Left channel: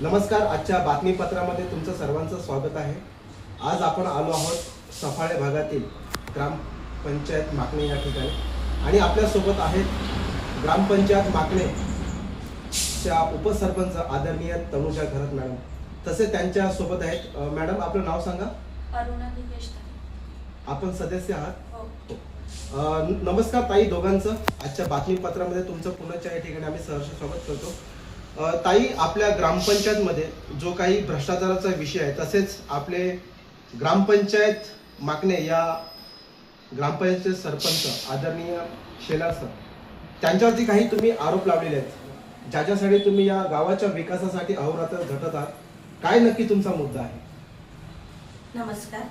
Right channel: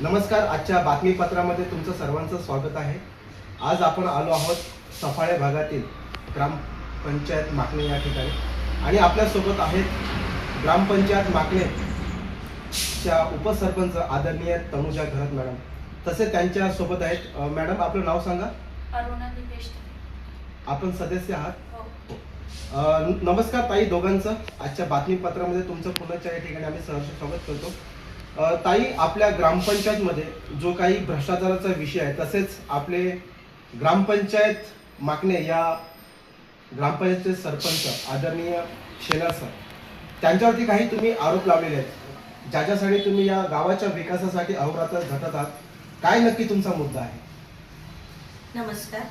नमस्कार. आजच्या बातमीपत्रामध्ये तुमचं सर्वांचं स्वागत आहे. आज आपण आलो आहोत सफाळे भागातील ग्रामपंचायत माकणे या ठिकाणी आणि आपल्यासोबत आहेत ग्रामपंचायत माकणेच्या उपसरपंच आदरणीय तनुजा घरत मॅडम. तसे त्यांच्या सोबत आहेत मॅडम, आपलं नाव सांगा. अरुणा दिनेश. आपण सदस्य आहात? हो. नमस्कार ताई दोघांचं. आजच्या बातमीपत्रामध्ये तुमचं पुण्याच्या या ठिकाणी आम्ही सहर्ष स्वागत करतो. ताई, आपल्या ग्रामपंचायतमध्ये जो काही भ्रष्टाचाराचा विषय आहे, तसेच आपले ग्रामपंचायत माकणे या ग्रामपंचायत सरपंच आदरणीय शेलार सर, त्यांच्यावरती काही तुम्ही आरोप लावलेले आहेत, ज्याच्यासाठी तुम्ही या गावाच्या विकासासाठी अहोरात्र झटत आहात. काय नक्की तुमचा मुद्दा आहे? नमस्कार.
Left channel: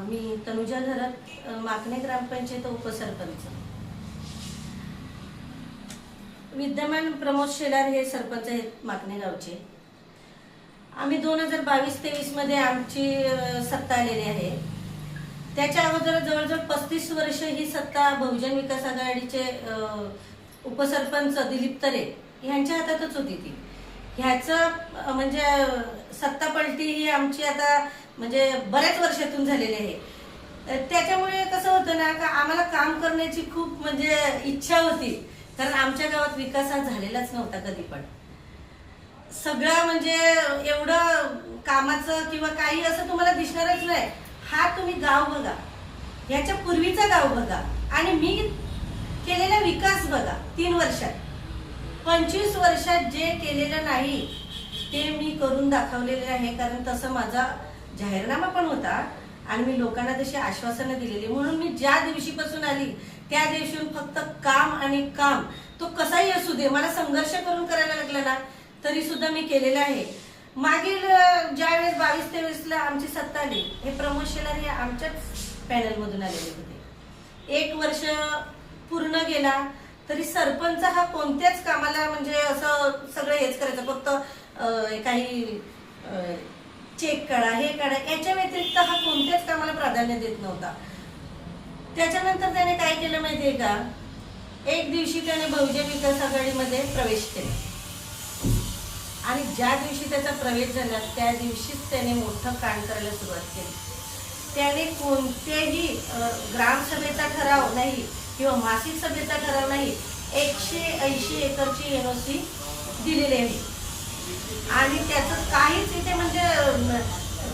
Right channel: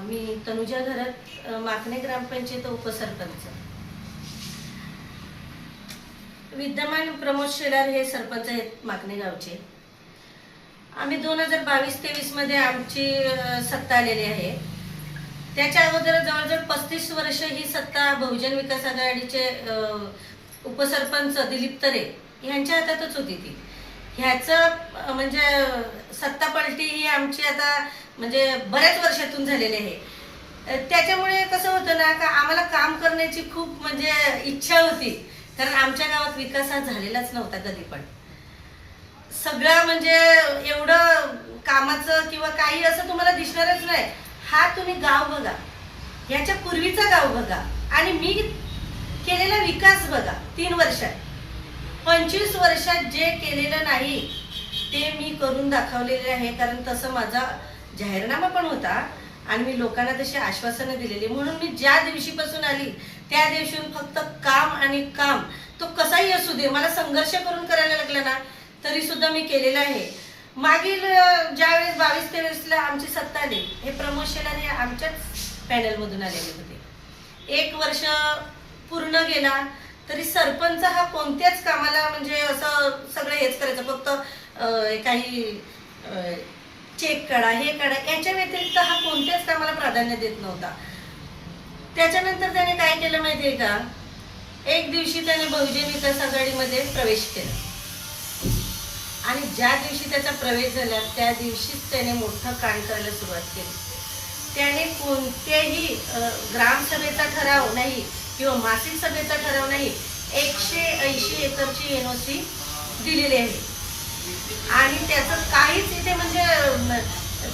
मी तनुजा घरत, माकणे ग्रामपंचायत उपसरपंच. विद्यमान प्रमोद शेलार हे सरपंच आहेत माकणे गावचे. आम्ही 2022-23 मध्ये आमची सत्ता आलेली आहे. त्याच्या अगोदर जवळजवळ 35 वर्ष ही सत्ता बहुजन विकास आघाडीचे उपसरपंच दिलीप तरे यांच्या हातातच होती. ती ह्याचं म्हणजे सत्ता पलटी ही आमची आता म्हणजे बऱ्याच वर्षातून झालेली आहे. त्याच्यामुळे कसं होतं ना, का आम्हाला काम करण्याची खूप म्हणजे इच्छा होती, कारण आमच्या गावात विकास हा झालेलाच नव्हता कधी पण. सगळं म्हणजे एवढं कामाचं किंवा काही असं तुम्हाला दिसणारच नाही. हा तुम्ही गाव बघा, याच्या पूर्वीचा गाव बघा आणि मी केलेला विकास बघा. 3 वर्षात 25 वर्षात जे केलेलं नाही ते मी करून दाखवलेले आहे. कारण तसं माझा जाहीरनामा पण होता आणि मी लोकांना तशी आश्वासनं दिलेली. म्हणून मी ज्या दिवशीपासून आली त्या दिवशीहून फक्त काम आणि काम. तो कसाही असू दे, मला संघर्ष करून करायला लागला ना तरी सुद्धा मी केलेला आहे. मागील ज्यावेळेस 22-23ला आमची सत्ता आली, हे प्रमोद शेलार हे आमच्याच पॅनलमधून आलेले होते. 1 वर्ष पूर्ण गेला तरी सरपंच हा कोणत्याच कामाला म्हणजे असं सगळं हेच करायचं, फक्त काही चेक काढा, हे काढा, याच्या व्यतिरिक्त हा कोणत्याच कामाला प्राधान्य देत नव्हता. त्याच्यानंतर त्याने काय केलं माहितीये का, एक दिवशी त्याने बहुजन विकास आघाडीमध्ये प्रवेश केला आणि ज्या दिवशी त्याचा प्रवेश झाला त्या दिवशीच त्याने मोठं कांड करायला सुरुवात केली. त्याने कोणत्याही ग्रामसभेचा ठराव नाही किंवा मासिक सभेचा ठराव नाही, 180 एकरची NOC दिलेली आहे. आणि त्याचं काहीच इथे म्हणजे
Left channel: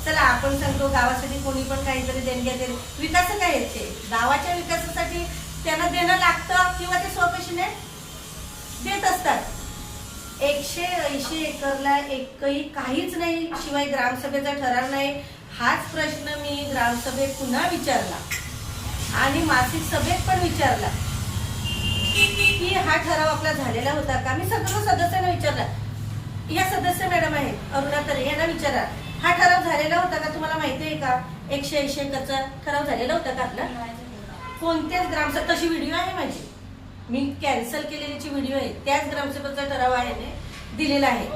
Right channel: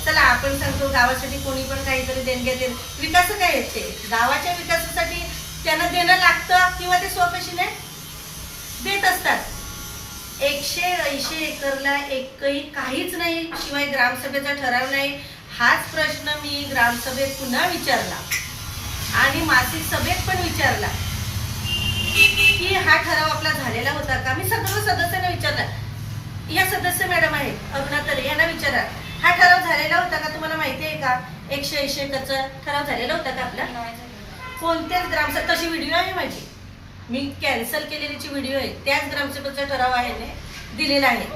चला आपण सांगतो गावासाठी कोणी पण काहीतरी देणग्या देईल, विकास काय आहेत ते गावाच्या विकासासाठी त्यांना देणं लागतं किंवा ते स्वकशीने देत असतात. 180 एकरला एकही काहीच नाही, शिवाय ग्रामसभेचा ठराव नाही. हाच प्रश्न मी ग्रामसभेत पुन्हा विचारला आणि मासिक सभेत पण विचारला की हा ठराव आपला झालेला होता का. मी सर्व सदस्यांना विचारला, या सदस्य मॅडम आहेत अरुणा तरे, यांना विचारा हा ठराव झालेला होता का, तुम्हाला माहिती आहे का 180 एकरचा ठराव झालेला होता का आपला. कोणत्याच ग्रामसभा, तशी व्हिडिओ आहे माझी, मी कॅन्सल केलेलीची व्हिडिओ आहे, त्याच ग्रामसभेचा ठराव आहे दिलेला आहे.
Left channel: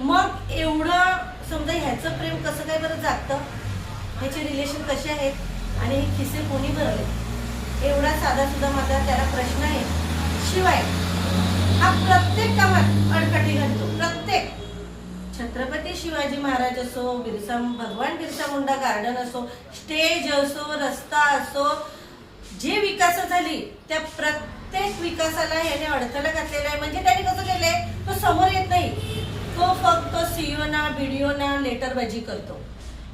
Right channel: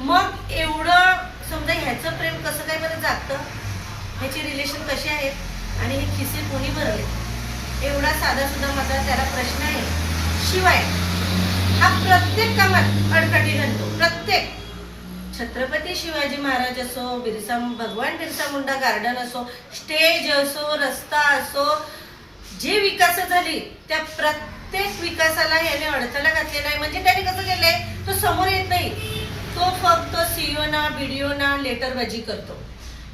मग एवढं समजा ह्याचं प्रेम कसं काय बरं जागतं, ह्याची रिलेशन कशी आहेत आणि हे खिसे कोणी भरले, एवढा साधा सुद्धा माझा त्याला प्रश्न आहे. शिवाय हा प्रत्येक कामात अडकाठी घालतो. प्रत्येक छत्रपती शिवाजी महाराज असो, भगवान बिरसा मुंडा गार्डन असो, स्टेज असो, रस्ता असो, जे विकास झाली त्या प्रत्येक विकासाला याने अडथळा घातलेला आहे. म्हणजे त्याने कसं केलंय, तो समोर येत नाही, तो फक्त CEO ना BDO ना लेटरबाजी करतो.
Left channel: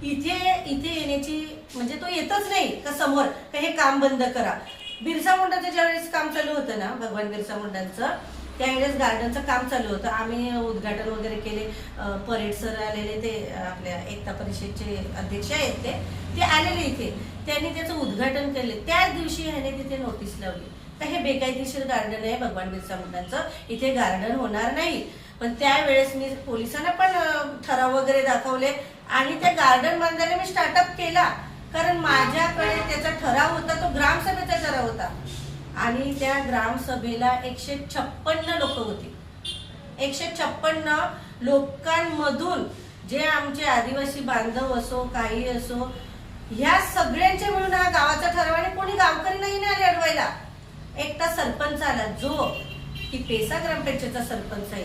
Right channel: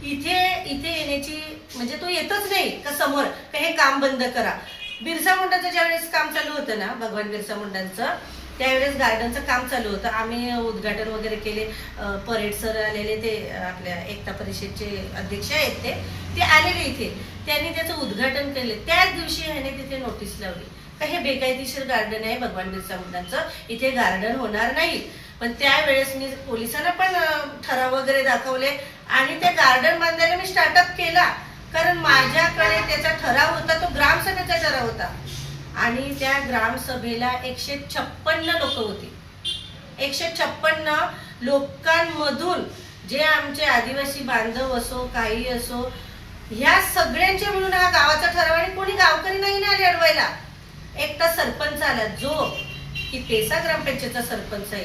इथे येण्याची म्हणजे तो येतच नाही का समोर का हे काम बंद करा. बिरसा मुंडाचं ज्यावेळेस काम चालू होतं ना, भगवान बिरसा मुंडांचं, त्यावेळेस गार्डनचं काम चालू होतं. आम्ही उद्घाटन वगैरे केले. परेड सर आलेले, ते आपल्या एकता परिषदचे अध्यक्ष आहेत ते आलेले इथे, त्यांनी त्याचं उद्घाटन केले. त्याच दिवशी ह्याने तिथे नोटीस लावली का हे बेकायदेशीर गार्डन आहे भगवान बिरसा मुंडांचं, इथे गार्डन होणार नाही. पण त्यावेळेस मी पोलिसांना पण ठराव वगैरे दाखवले आणि ते गार्डन बांधायला मी स्टार्टअप केला, कारण माझ्याकडे त्याचा ठराव होता, तो ग्रामसभेचा ठराव होता. आणि त्या ग्रामसभेला 156 लोक होती. 156 लोकांमधून जे आमचे आदिवासी बांधव असो, काही असो, ह्या सगळ्यांचे मिळून हा गावाचा ठराव आणि कोणी गावकरी नाही ना आले अडवायला. एकटा सरपंच आला जो की पेसा ग्रामपंचायतचा सरपंच आहे,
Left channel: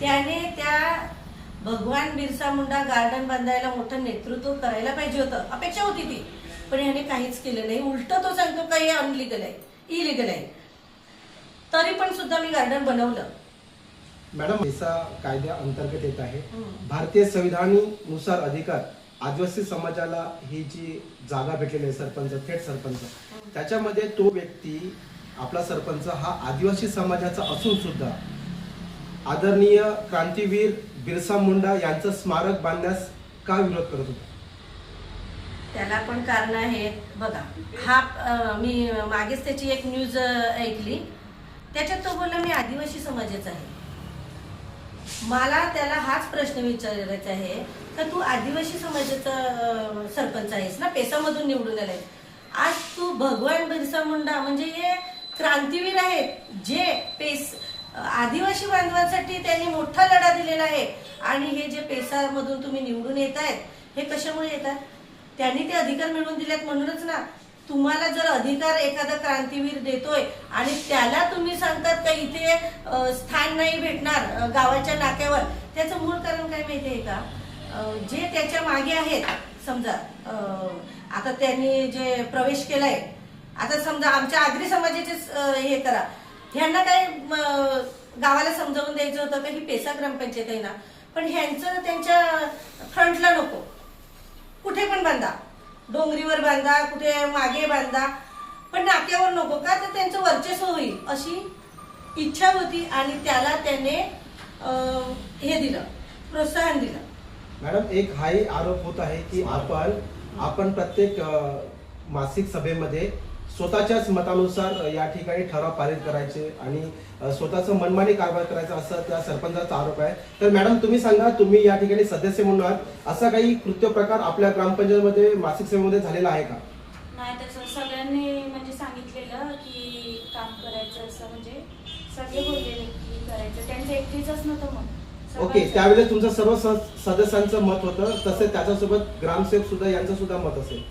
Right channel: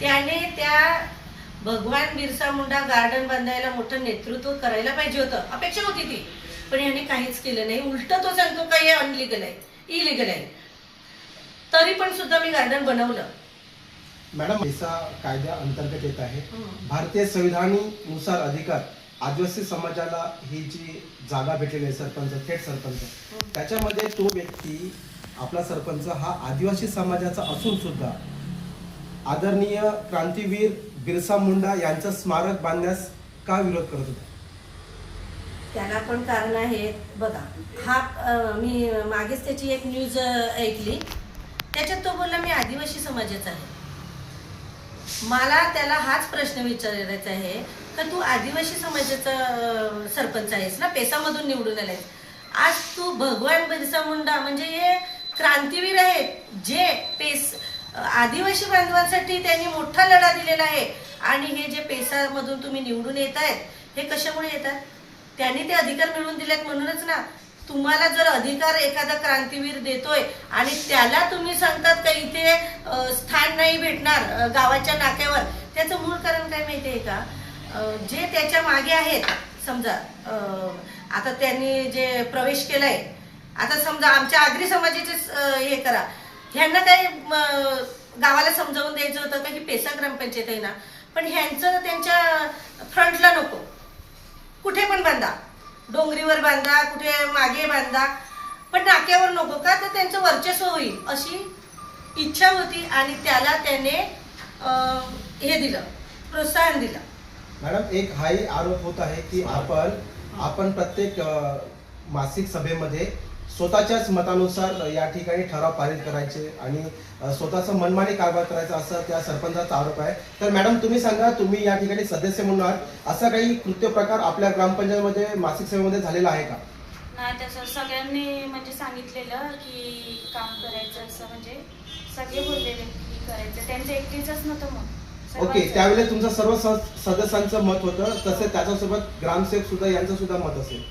त्याने त्या भगवान बिरसा मुंडा गार्डन बांधायला मोठं नेतृत्व करायला पाहिजे होतं, अपेक्षा होती ती, पण याने काहीच केलं नाही. उलट तो सांगतो का हे अनलिगल आहे, इलिगल आहे. तरी पण सुद्धा मी गार्डन बनवलं. मॅडम, पेसा कायद्या अंतर्गत येत आहे. भारतीय संविधानानुसार अधिकार आदिवासी समाजाला ही जी जागा भेटलेली आहे सरपंच, थेट सरपंच, त्याच्यामध्ये तो व्यक्ती आपला सरपंच हा आदिवासी समाजाचा असून सुद्धा आदरणीय क्रांतीवीर बिरसा मुंडा यांचं स्मारक बांधण्यास का विरोध करत होता? त्याला पण कारण आहेत बघा. हा मी मागेच त्याची एक न्यूज ऐकली, त्याच्यात तो बोलला मी आदिवासी समाजाचा आहे. मला त्याला हाच प्रश्न विचारायचा आहे का तू आदिवासी समाजाचा सरपंच आहेस ना, पेसामधून निवडून आलाय. आज तू भगवान बिरसा मुंडा म्हणजे हे क्रांतीवीर आहेत, जे आदिवासी बांधवांसाठी त्यांनी मोठा लढा दिलेला आहे. आणि हे जे पेसामधून तुम्ही निवडून येत आहेत, हे कशामुळे येतात? त्यांनी ते अधिकार मिळवून दिलेत म्हणूनच ना. तुम्हाला जर अधिकार एखादा क्रांतीवीर देतोय आणि त्याला तुम्ही सांगतात का इथे स्थान नाही भेटणार गावाच्या नाक्यावर, त्याचं मूळ कारण काय माहितीये का? जे त्याच्या मागे आहेत, समजा आता त्यांनी जे प्रवेश केलाय, आता समजा आमच्या आगरी समाजाचे हे करा, ह्यांना काय गावाला समजावून द्यायचं होतं का ही पेसा ग्रामपंचायत आहे ना, पण ह्यांचं त्यांच्या फ्रंटला नको, कुठे पण बांधा, डोंगरीवर बांधा, कुठे मागे बांधा, पण नाक्यावर नको का, तर त्यांचं वर्चस्व होईल अशी इच्छा होती. आणि त्याला त्याने हे दिलं, प्रोत्साहन दिलं. मॅडम, एक हाही आरोप होत आहे की आपण प्रत्येक मासिक सभेमध्ये स्वतःच्याच मतानुसार या ठिकाणी ठराव पारित करायचे आणि स्वतःचा मनमानी कारभार करायचा, असं त्या सरपंचाचा आरोप आहे. तर मॅडम, तुम्ही सांगा, तुम्ही या ठिकाणी सदस्य म्हणून आहात, असा काही कृत्य प्रकार आपल्या ग्रामपंचायतीमध्ये मासिक सभेमध्ये झालेला आहे का? नाही, तसं सगळ्यांनी म्हणजे सांगितलेलं की काम करायचं, असं म्हणजे सगळे बोललेले की करायचं, त्यांचं एकटीचंच नव्हतं मग. ओके, त्यावेळेस तुमचं सर्व सदस्यांचं मत होतं, तसेच त्याच्यासोबत ग्रामसेवक सुद्धा यांचं सुद्धा मत असेल.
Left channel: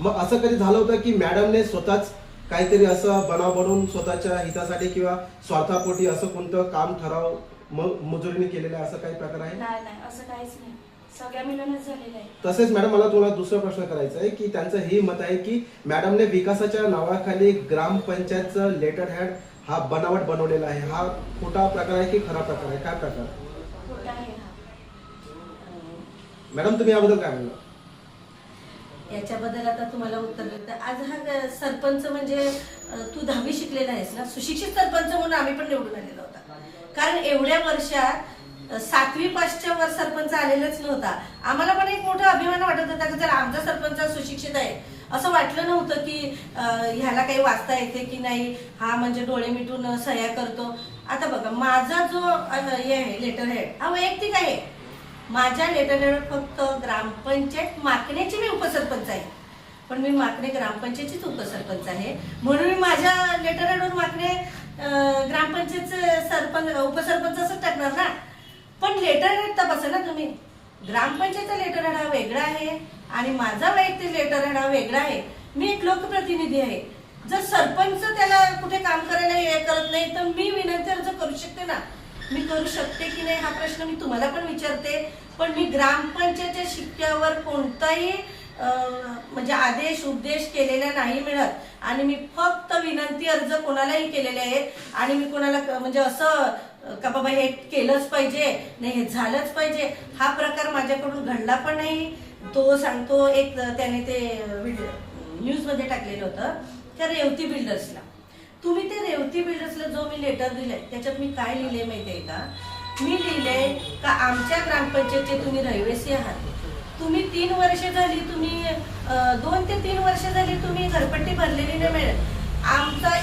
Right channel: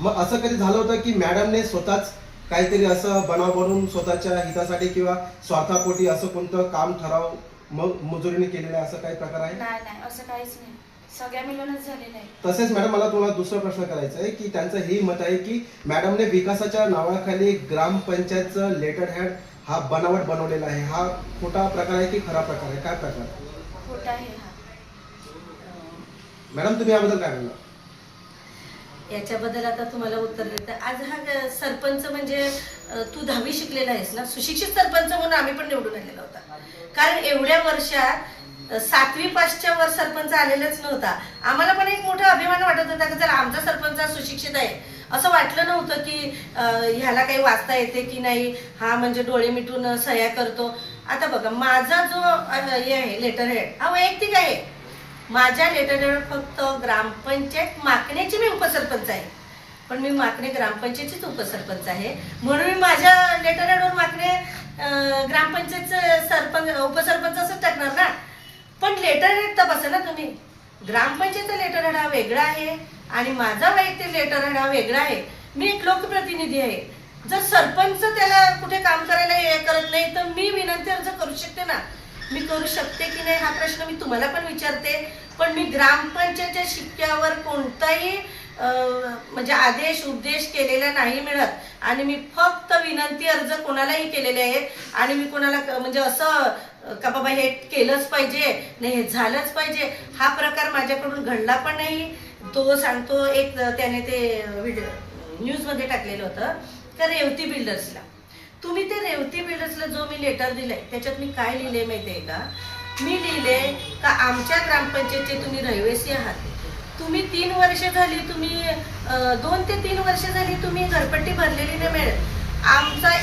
मग असं कधी झालं होतं की मॅडमने स्वतःच काहीतरी असं बनाव बनवून स्वतःच्या हितासाठी किंवा स्वार्थापोटी असं कोणतं काम ठराव मजुरीने केलेलं आहे, असं काही प्रकार आहे? नाही नाही, असं काहीच नाही, सगळ्या मिळूनच झालेलं आहे. तसेच मॅडम, मला तुम्हाला दुसरा प्रश्न करायचा आहे की त्यांचं हे मत आहे की मॅडमने विकासाच्या नावाखाली ग्रामपंचायतचं लेटर हेड हा बनावट बनवलेला आहे. हा खोटा प्रकार आहे की खरा प्रकार आहे? काय प्रकार? खोटा आहे हा. मॅडम, तुम्ही याबद्दल काय म्हणता? याच्याबद्दल आता तुम्हाला उत्तर देतं. आज हा सरपंच म्हणजे तू 10वी शिकलेला आहेस ना, सुशिक्षित सरपंच म्हणून आम्ही पण निवडून आलेला होता. कारण एवढ्या वर्षात 7वी पासच्या वर सरपंच आलेलाच नव्हता. आम्हाला पण एक मोठा अभिमान वाटत होता की जर आमचा सरपंच सुशिक्षित आहे, असं वाटलं नव्हतं की ह्याला काही वाचता येते की नाही, हा म्हणजे डोळे मिटून सह्या करतो. आता बघा, माझा जो हे आहे लेटर हेड हा वैयक्तिक आहे. माझ्या लेटर हेड फक्त ग्रामपंचायत माकणेची मी उपसरपंच आहे, पण मी माकणे ग्रामपंचायतीच उपसरपंच आहे, म्हणून मी माझ्या लेटर हेडवर माकणे ग्रामपंचायतचं सरपंच उपसरपंच असंच टाकणार ना. पण लेटर हेड तपासा ना तुम्ही, ग्रामपंचायतचा लेटर हेड हा वेगळा आहे आणि माझा वैयक्तिक लेटर हेड हा वेगळा आहे. मी एक लोकप्रतिनिधी आहे. जर सरपंच त्याला कुठे काम करायला हे करत नाही तर मी विनंती अर्ज करू शकते ना. मी करू शकते की नाही हा प्रश्न मी तुम्हाला पण विचारते. पण मी ग्रामपंचायतच्या शिक्क्यावर कोणताही म्हणजे आदेश उपदेश केलेला नाही मिळत आणि मी फक्त विनंती अर्ज कोणालाही केलेले आहेत आणि मी कोणाला म्हणजे असं का बाबा हे केलंच पाहिजे, नाही हे झालंच पाहिजे, हा प्रकार माझ्याकडून घडला पण नाही. तो सांगतो, एक त्याने ते न्यूजमध्ये टाकलेलं होतं त्या रेवती बिल्डर्सला. तुम्ही ते रेवती बिल्डर्सला जो मी लेटर दिलंय त्याच्यात मी काय लिहिले माहितीये का? मी लिहिले का आमच्या ग्रामपंचायतचे तुम्ही रहिवासी आहात, तुम्ही 3 वर्ष झाली, तुम्ही 2 ते 3 वर्ष झाली तुम्ही घरपट्टी भरलेली नाही मिळेल. आमचा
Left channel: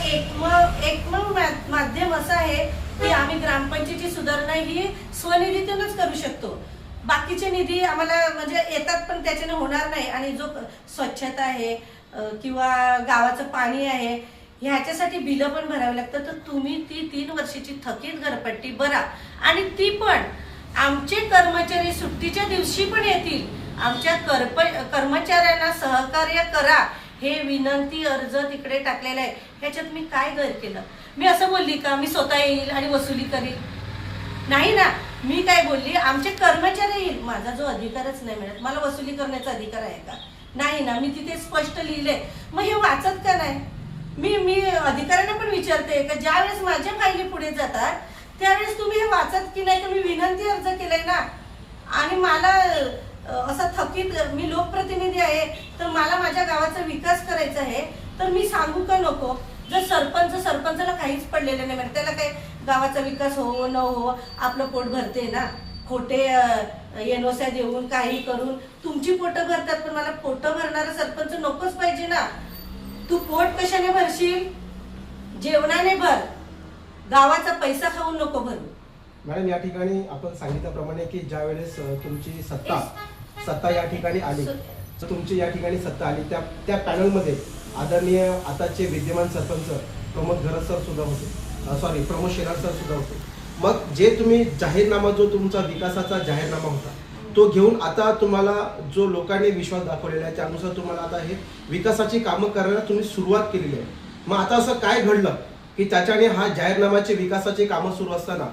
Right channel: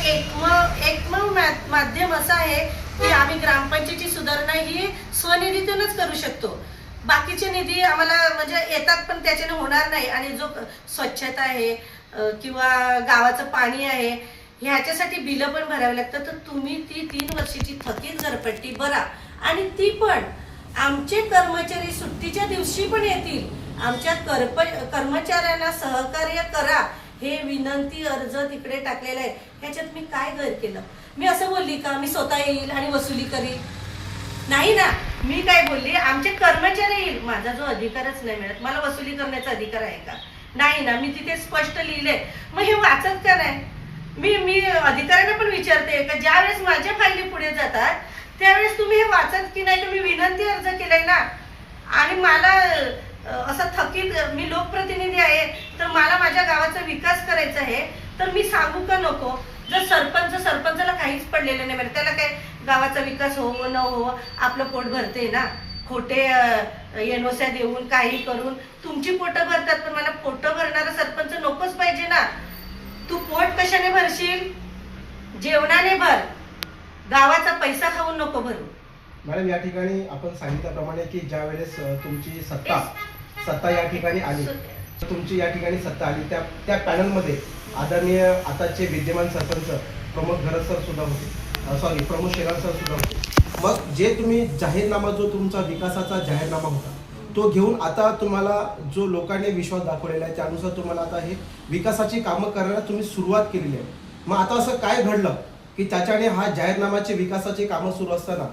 एकमेव माध्यम असं आहे की आम्ही ग्रामपंचायतीची सुधारणा ही स्वनिधीतूनच करू शकतो. बाकीचे निधी आम्हाला म्हणजे येतात पण त्याच्याने होणार नाही. आणि जो स्वच्छता आहे किंवा गावाचं पाणी आहे ह्याच्यासाठी बिलं पण भरावी लागतं. तर तुम्ही ती 3 वर्षाची थकीत घरपट्टी भरा आणि ती पण आमचे कर्मचारी सुट्टीच्या दिवशी पण येतील, आमच्या कर्मचाऱ्यांना सहकार्य करा, हे विनंती अर्ज तिकडे टाकलेला आहे. ह्याच्यात मी काय गैर केलं? मी असं बोलली का मी स्वतः येईल आणि वसुली करीन? नाही ना. मी काय बोलली, आमचे कर्मचारी येईल, माझा जो अधिकारच नाही मिळत, मला वसुली करण्याचा अधिकार आहे का? नाही ना, मी तिथे स्पष्ट लिहिले. मग हे वाचत का नाही? मी अधिकाऱ्यांना पण विचारते का ज्यावेळेस माझ्या फायली पुढे जातात त्यावेळेस तुम्ही हे वाचत की नाही? तुम्ही विनंती अर्ज केलाय ना. आणि मला असं थकीत, मी लोकप्रतिनिधी आहे तर मला माझ्या गावाचा विकास करायचा आहे, तर मी सांगू का नको? जर सरपंचाला काहीच पडलेलं नाही, म्हणजे त्याला काय गावाचा विकास हो न हो आपलं पोट भरते ना. खोटे एनओस्या देऊन काही करून तुमची पोटं भरतात, पण मला पोटं भरणारा सरपंच नकोच पाहिजे ना. तू पोट कशाने भरशील? जेवणाने भर, गावाचा पैसा खाऊन नको भरू. मॅडम, या ठिकाणी आपण सांगितल्याप्रमाणे की ज्या वेळेस तुमची सत्ता या ठिकाणी आली, तुमची या ठिकाणी सत्ता आली, त्या पॅनलमध्ये आदरणीय आताचे विद्यमान सरपंच प्रमोद घरत सर सुद्धा होते, प्रमोद शेलार सर सुद्धा होते. मग जे तुम्ही जाहीरनामा, जो तुमचा विकासाचा जाहीरनामा होता, तो घेऊन आता तुम्हाला जो लोकांनी विश्वास दाखवलेला आहे त्यानुसार तुम्हाला आता हे विकासाची कामं करायला तुम्ही सुरुवात केलेली आहे. मग आता असं काय घडलं की त्याच्याने हा जाहीरनामाचे विकासाची कामं सुरू असताना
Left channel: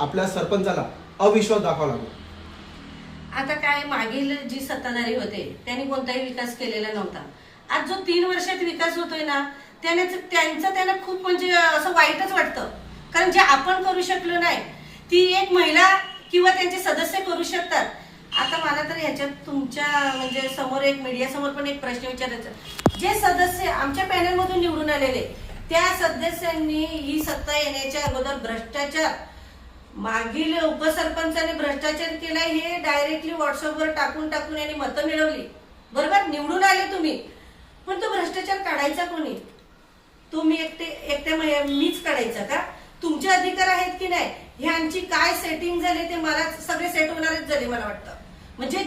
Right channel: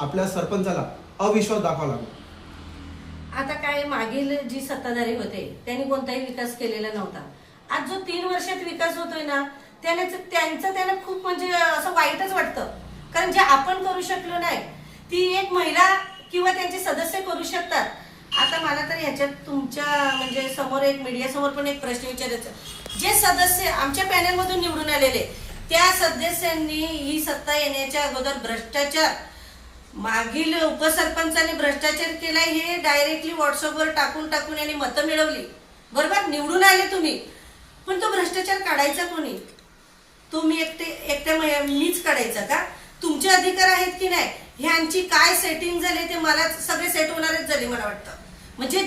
आपल्या सरपंचाला अविश्वास दाखवा लागला? आता काय, मागील जी सत्ताधारी होते त्यांनी कोणताही विकास केलेला नव्हता. आज जो 3 वर्षात विकास होतोय ना, त्यांना खूप म्हणजे असं वाईटच वाटतं. कारण जे आपण करू शकलो नाही ती एक महिला किंवा त्यांचे सदस्य करू शकतात. आता मला तर ह्याच्यात तुमच्या म्हणजे समोर एक मीडिया समोर पण एक प्रश्न विचारायचा, जे सदस्य आमच्या पॅनलमधून निवडून आलेले त्या सदस्यांनी ही सत्ता येण्याच्या अगोदर भ्रष्टाचार, मागील उपसरपंचाने भ्रष्टाचार केलाय हे डायरेक्टली व्हॉट्सअपवर टाकून यांनी मतं मिळवली. बरोबर, निवडून आले तुम्ही, पण तो भ्रष्टाचार काढायचा कोणी? तुम्ही एकट्या मीच काढायचा का? तुमचे अधिकार आहेत की नाही? ह्यांची काय सेटिंग झाले ते मला सगळे सेट होणारच झाले मला वाटतं. म्हणजे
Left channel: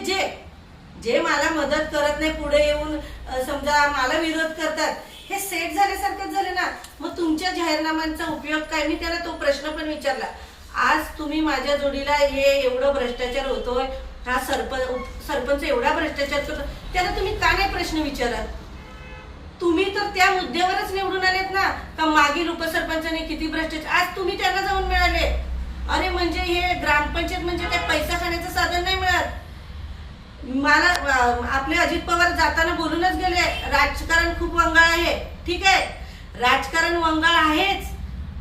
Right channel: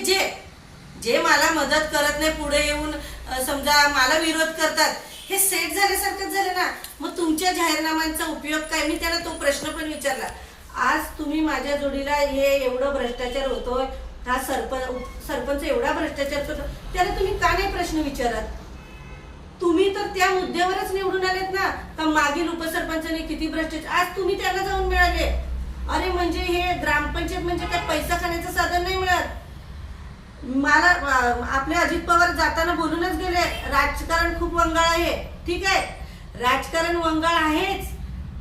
जे मला मदत करत नाही, पुढे येऊन समजा मला विरोध करतात, हे सेट झाल्यासारखंच झालं ना. मग तुमच्या जाहीरनाम्यांचा उपयोग काय? मी त्याला तो प्रश्न पण विचारला. आज तुम्ही माझ्या जोडीला हे एवढं भ्रष्टाचार होतोय, हा सरपंच एवढा भ्रष्टाचार करतो, त्याला तुम्ही का नाही प्रश्न विचारत? तुम्ही तर त्या मुद्द्यावरच निवडून आलेत ना, का मागील उपसरपंचाने किती भ्रष्टाचार, आज तुम्ही त्यांना जाऊन मिळाले. अरे म्हणजे हे ग्रामपंचायत म्हणजे काय पैसा खाण्याचं साधन नाही मिळत. मला आपले अजित पवार जाताना बोलूनच गेले, राजकारण खूप वंगाळ आहे. ठीक आहे, राजकारण वंगाळ आहेच,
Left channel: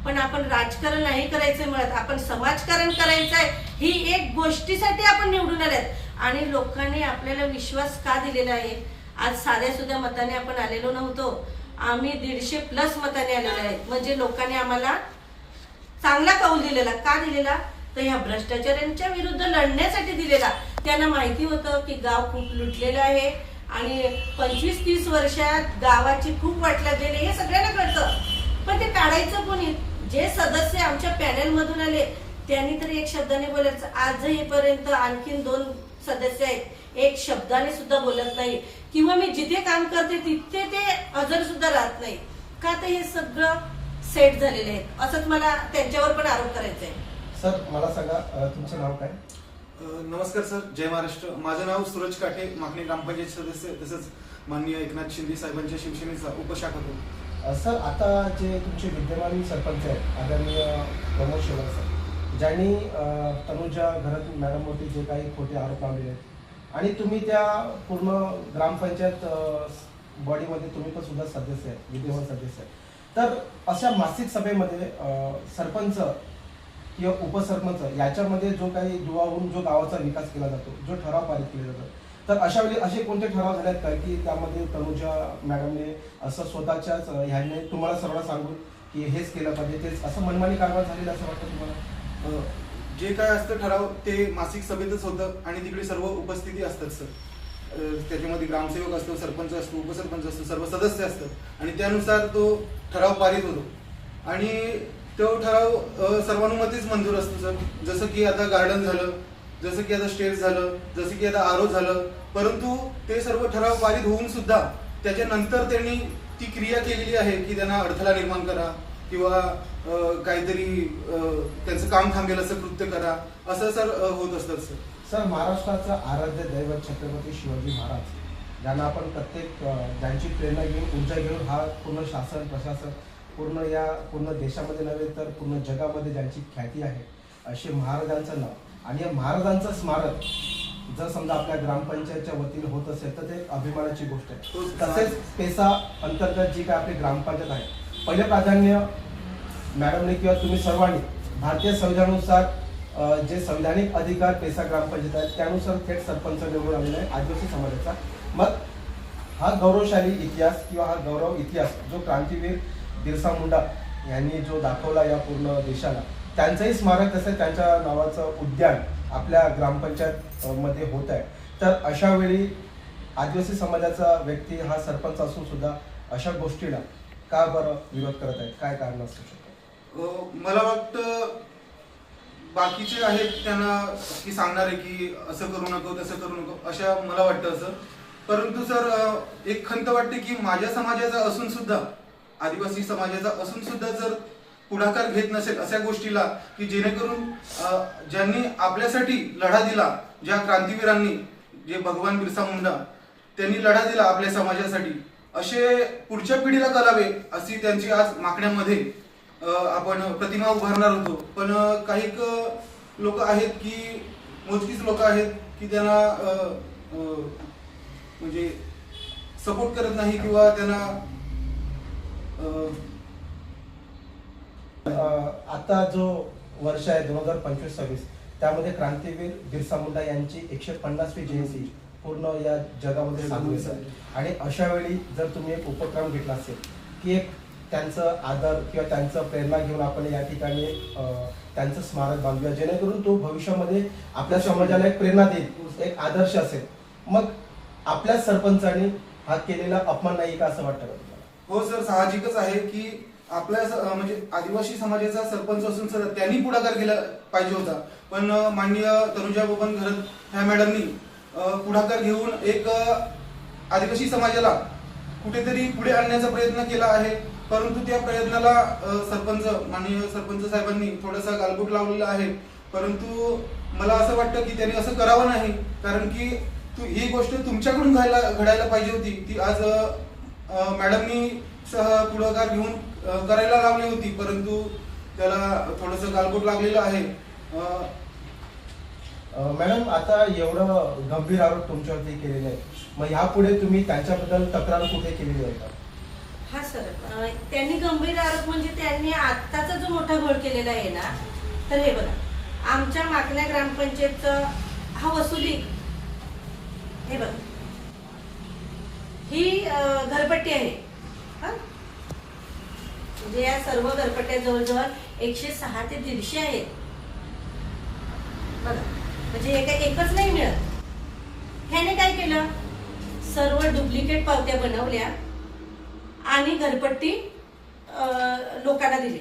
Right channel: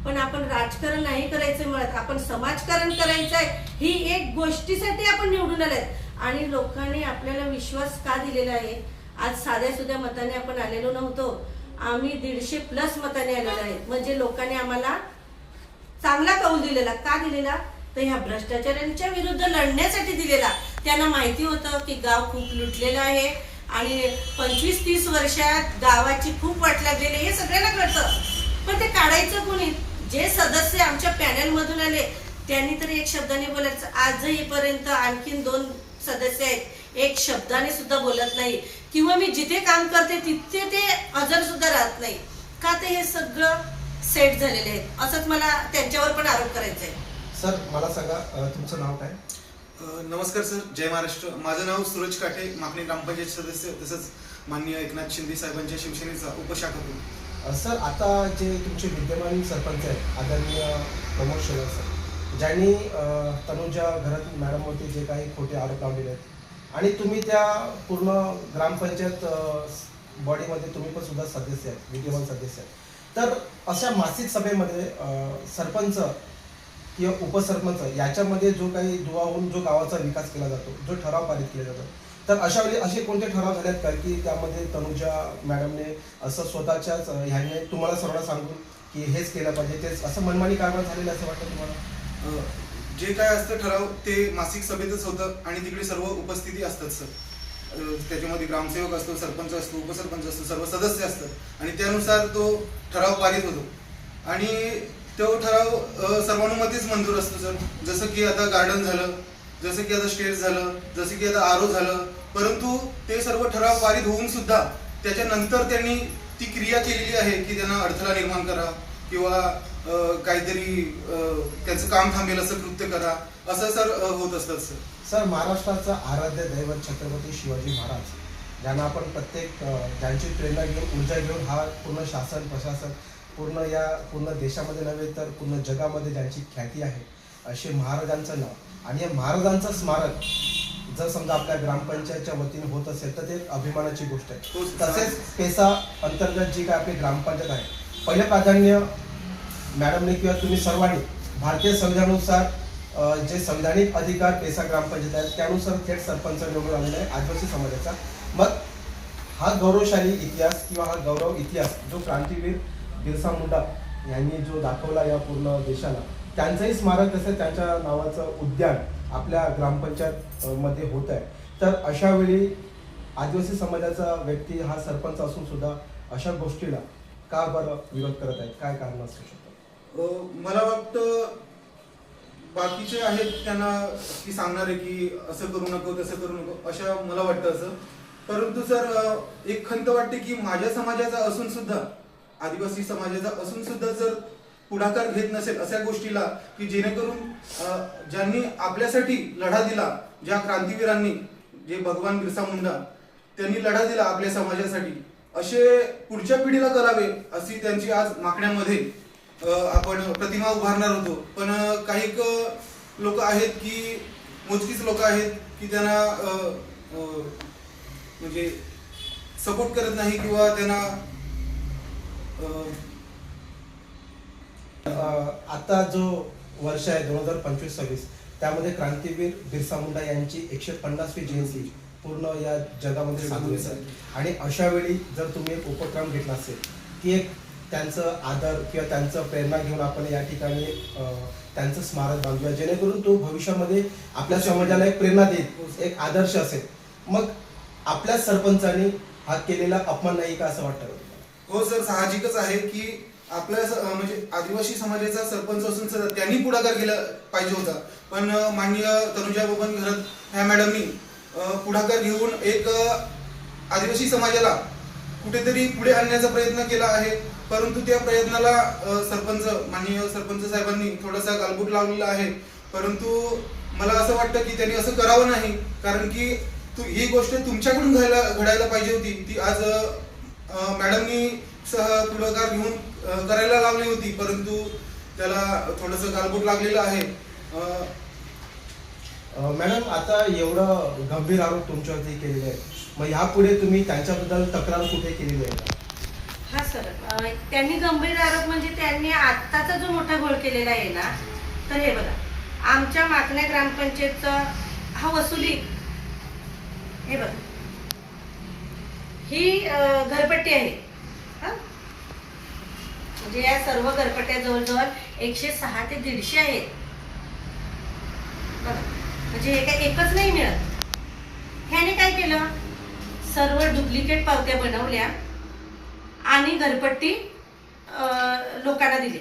पण आपण राजकारण नाही करायचं मिळत, आपण समाजकारण करायचंय. ही एक गोष्टीसाठी आपण निवडून आलेत आणि लोकांनी आपल्याला विश्वास का दिलेला आहे? आज साध्या सुद्धा मताने आपण आलेलो नव्हतो, आम्ही 150+ मताने आलेलो आहेत. म्हणजे लोकांनी आम्हाला चांगला कौल दिलेला. का दिलेला? तर ह्या भ्रष्टाचारांच्या विरुद्ध लढण्यासाठी दिलेला. त्यांना माहिती होतं की गाव खूप लुटलेलं आहे आणि 25-30 वर्षात गावाची खूप वाट लागलेली, हे सगळ्यांना कळतं. पण ते काढायचं कोणी? जे सदस्य आमच्या पॅनल मधून आले त्यांनी तर एक शब्दाने बोलायचं. आजही पर्यंत आणखीन 2 सदस्य आहेत, एक शब्दाने सुद्धा बोलत नाही, किंवा मी जिथे काम करते तिथे ते हजर सुद्धा राहत नाही. का? ते हे सगळं सेट झालेले आहेत. असंच मला त्यांच्यावर पण आरोप करायचा आहे. सर, मला सांगा, तुमचं नाव काय? नमस्कार सर, जय महाराष्ट्र. माझं नाव सूरज काटे, माकणी ग्रामपंचायत सदस्य, तसंच माननीय एकनाथ शिंदे साहेबांच्या शिवसेनेचा उपशाखातून. सर, आता जे तुमचे विद्यमान सरपंच आहेत आदरणीय प्रमोद शेलार सर, ज्यांनी तनुजा घरत मॅडमवरती जे काही खोटे आरोप लावलेले आहेत आणि तुम्ही त्या पूर्ण ग्रामपंचायत बॉडीमध्ये तुम्ही पण सुद्धा सदस्य आहेत, विद्यमान सदस्य आहेत, तर अशा मासिक सभेमध्ये सरपंच किंवा उपसरपंच याच्यामध्ये जो काही दुवा होऊन जो गावाचा विकास केला जातो, जो ठराव पारित केला जातो, तर अशा वेळी असे कोणते ठराव झालेत का की त्यामध्ये तनुजा मॅडमने असं स्वतःच्याच ह्याने तुम्हाला सर्व सांगून की हेच केलं पाहिजे, तेच असं मनमानी कारवाई झालेली असं वाटतं तुम्हाला? जे काय असतं ठराव ते मासिक सभेतच होतं आणि तिकडे सर्व उपस्थिती असतात सर. त्याच्यामध्ये ग्रामसेवक असतो, सरपंच असतो, उपसरपंच असतो, सर्व सदस्य असतात आणि त्यानुसार तो ठराव पारित होतो आणि तो ठराव सर्वानुमतेच मंजूर असतो सर. जसं की आता गार्डन झालं, जसं की आता स्टेज झालं, जसं की आता आरो झालं, परंतु ते सर्व ठराव पारित होऊन सुद्धा त्याच्यानंतर त्यांनी ती क्रिया केलेली आहे की त्यांना अडथळा निर्माण करा किंवा काहीतरी त्यांचं काम थांबेल असं कृत्य करा, असं सर होत असतात सर. सर, महाराष्ट्राचा आराध्य दैवत छत्रपती शिवाजी महाराज, ज्यांना आपण प्रत्येक ज्यांची प्रेरणा घेऊन ऊर्जा घेऊन हा पूर्ण शासन प्रशासन पूर्ण देशामध्ये नव्हे तर पूर्ण जगामध्ये ज्यांची ख्याती आहे, असे महाराजांचं नाव आणि या महाराजांचं स्मारक जर समजा आपल्या ग्रामपंचायतच्या वतीने होत असेल तर ते एक अभिमानाची गोष्ट आहे. तसेच पेसा अंतर्गत जी काय आपली ग्रामपंचायत आहे, पहिले प्राधान्य मॅडमने किंवा तुम्ही सर्वांनी भारतीय संविधानानुसार जे संविधानिक अधिकार पेसा ग्रामपंचायत आहेत त्यानुसार थेट सरपंच निवडून आलेला आहे आदिवासी समाजाचा. मग हा गौरवशाली इतिहास किंवा हा गौरव इतिहास जो क्रांतीवीर बिरसा मुंडा यांनी जो दाखवला या पूर्ण देशाला, त्यांचंही स्मारक तसं त्यांच्या नावाचं उद्यान आपल्या ग्रामपंचायत मध्ये होत आहे. तर अशा वेळी आदिवासी समाजाचा व्यक्ती हा सरपंच असून सुद्धा अशा गोष्टीला का बरं विरोध करत आहेत, काय कारण असू शकतं? मला वाटतं बाकीचे आहेत त्यांना की सांगणार आहे की असं करू नको तसं करू नको, अशा मला वाटतं असं. परंतु सर एक खंत वाटते की माझ्या समाजाचा असून सुद्धा, आदिवासी समाजाचा असून सुद्धा जर पुढाकार घेत नसेल अशा गोष्टीला की जेणेकरून ज्यांनी आपल्यासाठी लढा दिला, ज्या क्रांतीवीरांनी, जे भगवान बिरसा मुंडा त्यांनी लढा दिला आपल्या समाजासाठी, असे पुढच्या पिढीला करावे अशी त्यांची आज मागण्यामध्ये आपण प्रतिमा उभारणार होतो. पण काही लोक आहेत की मोजकीच लोक आहेत की त्यांना म्हणजे सपोर्ट करत नाही किंवा त्यांना आता जो वर्ष आहे 2025-26 त्यामध्ये क्रांतीवीर बिरसा मुंडा यांची 150वी जयंती पूर्ण या जगामध्ये साजरी झाली. आणि अशा वेळी जर तुम्ही एक उपक्रम घेतला असेल की एक त्यांचं आदर किंवा त्यांचं प्रेरणा घेऊन आपण या ठिकाणी त्यांचं स्मारक बांधूया, जेणेकरून तो भविष्यामध्ये आपल्या समाजाला एक प्रेरणा देईल, एक आदर्श असेल. मग आपल्या सरपंचांनी हा केलेला अपमान नाही का असं वाटतं का तुम्हाला? हो सर, साहजिकच आहे की आपल्या म्हणजे आदिवासी समाजाचा सरपंच असून सर त्यांनी पुढाकार केला पाहिजे होता. पण माननीय तनुजा बबन घरत ह्या मॅडमनी पुढाकार घेऊन एक आदिवासी समाजाला कुठेतरी पुढे आणण्याचा प्रयत्न केला आहे. परंतु त्या प्रयत्नाला माननीय सरपंच साहेबांनी थोडासा गालबोट लावलेला आहे. परंतु मला असं वाटतं की त्यांनी असं करावं नाही, कारण की ही गोष्ट तुमच्याकडून घडायला पाहिजे होती. ती आज मॅडमनी पुढाकार घेऊन करायला लावली होती, परंतु त्याला थोडंसं गालबोट लागलेलं आहे. मॅडम, आता एवढं गंभीर आरोप तुमच्यावरती केलेले आहे, मग यापुढे तुम्ही त्यांच्याबद्दल तक्रार कुठे केलेली आहे का? हा सर, त्यांनी गंभीर आरोप म्हणजे त्यांनी आत्ताचा जो मोठा घोळ केलेला आहे ना, तर हे बघा, आमच्या माकण्या ग्रामपंचायतचा हा वसुली, हे बघा, ही घरपट्टी आहे. म्हणजे या सर्व घरपट्ट्या जवळजवळ 106 ते 150 आहेत. बघा, म्हणजे हे काय एकच नाही मिळत. ह्याने काय केलं, सर्व डुप्लिकेट पावत्या बनवल्या आणि घरपट्टी लोकांना दिली.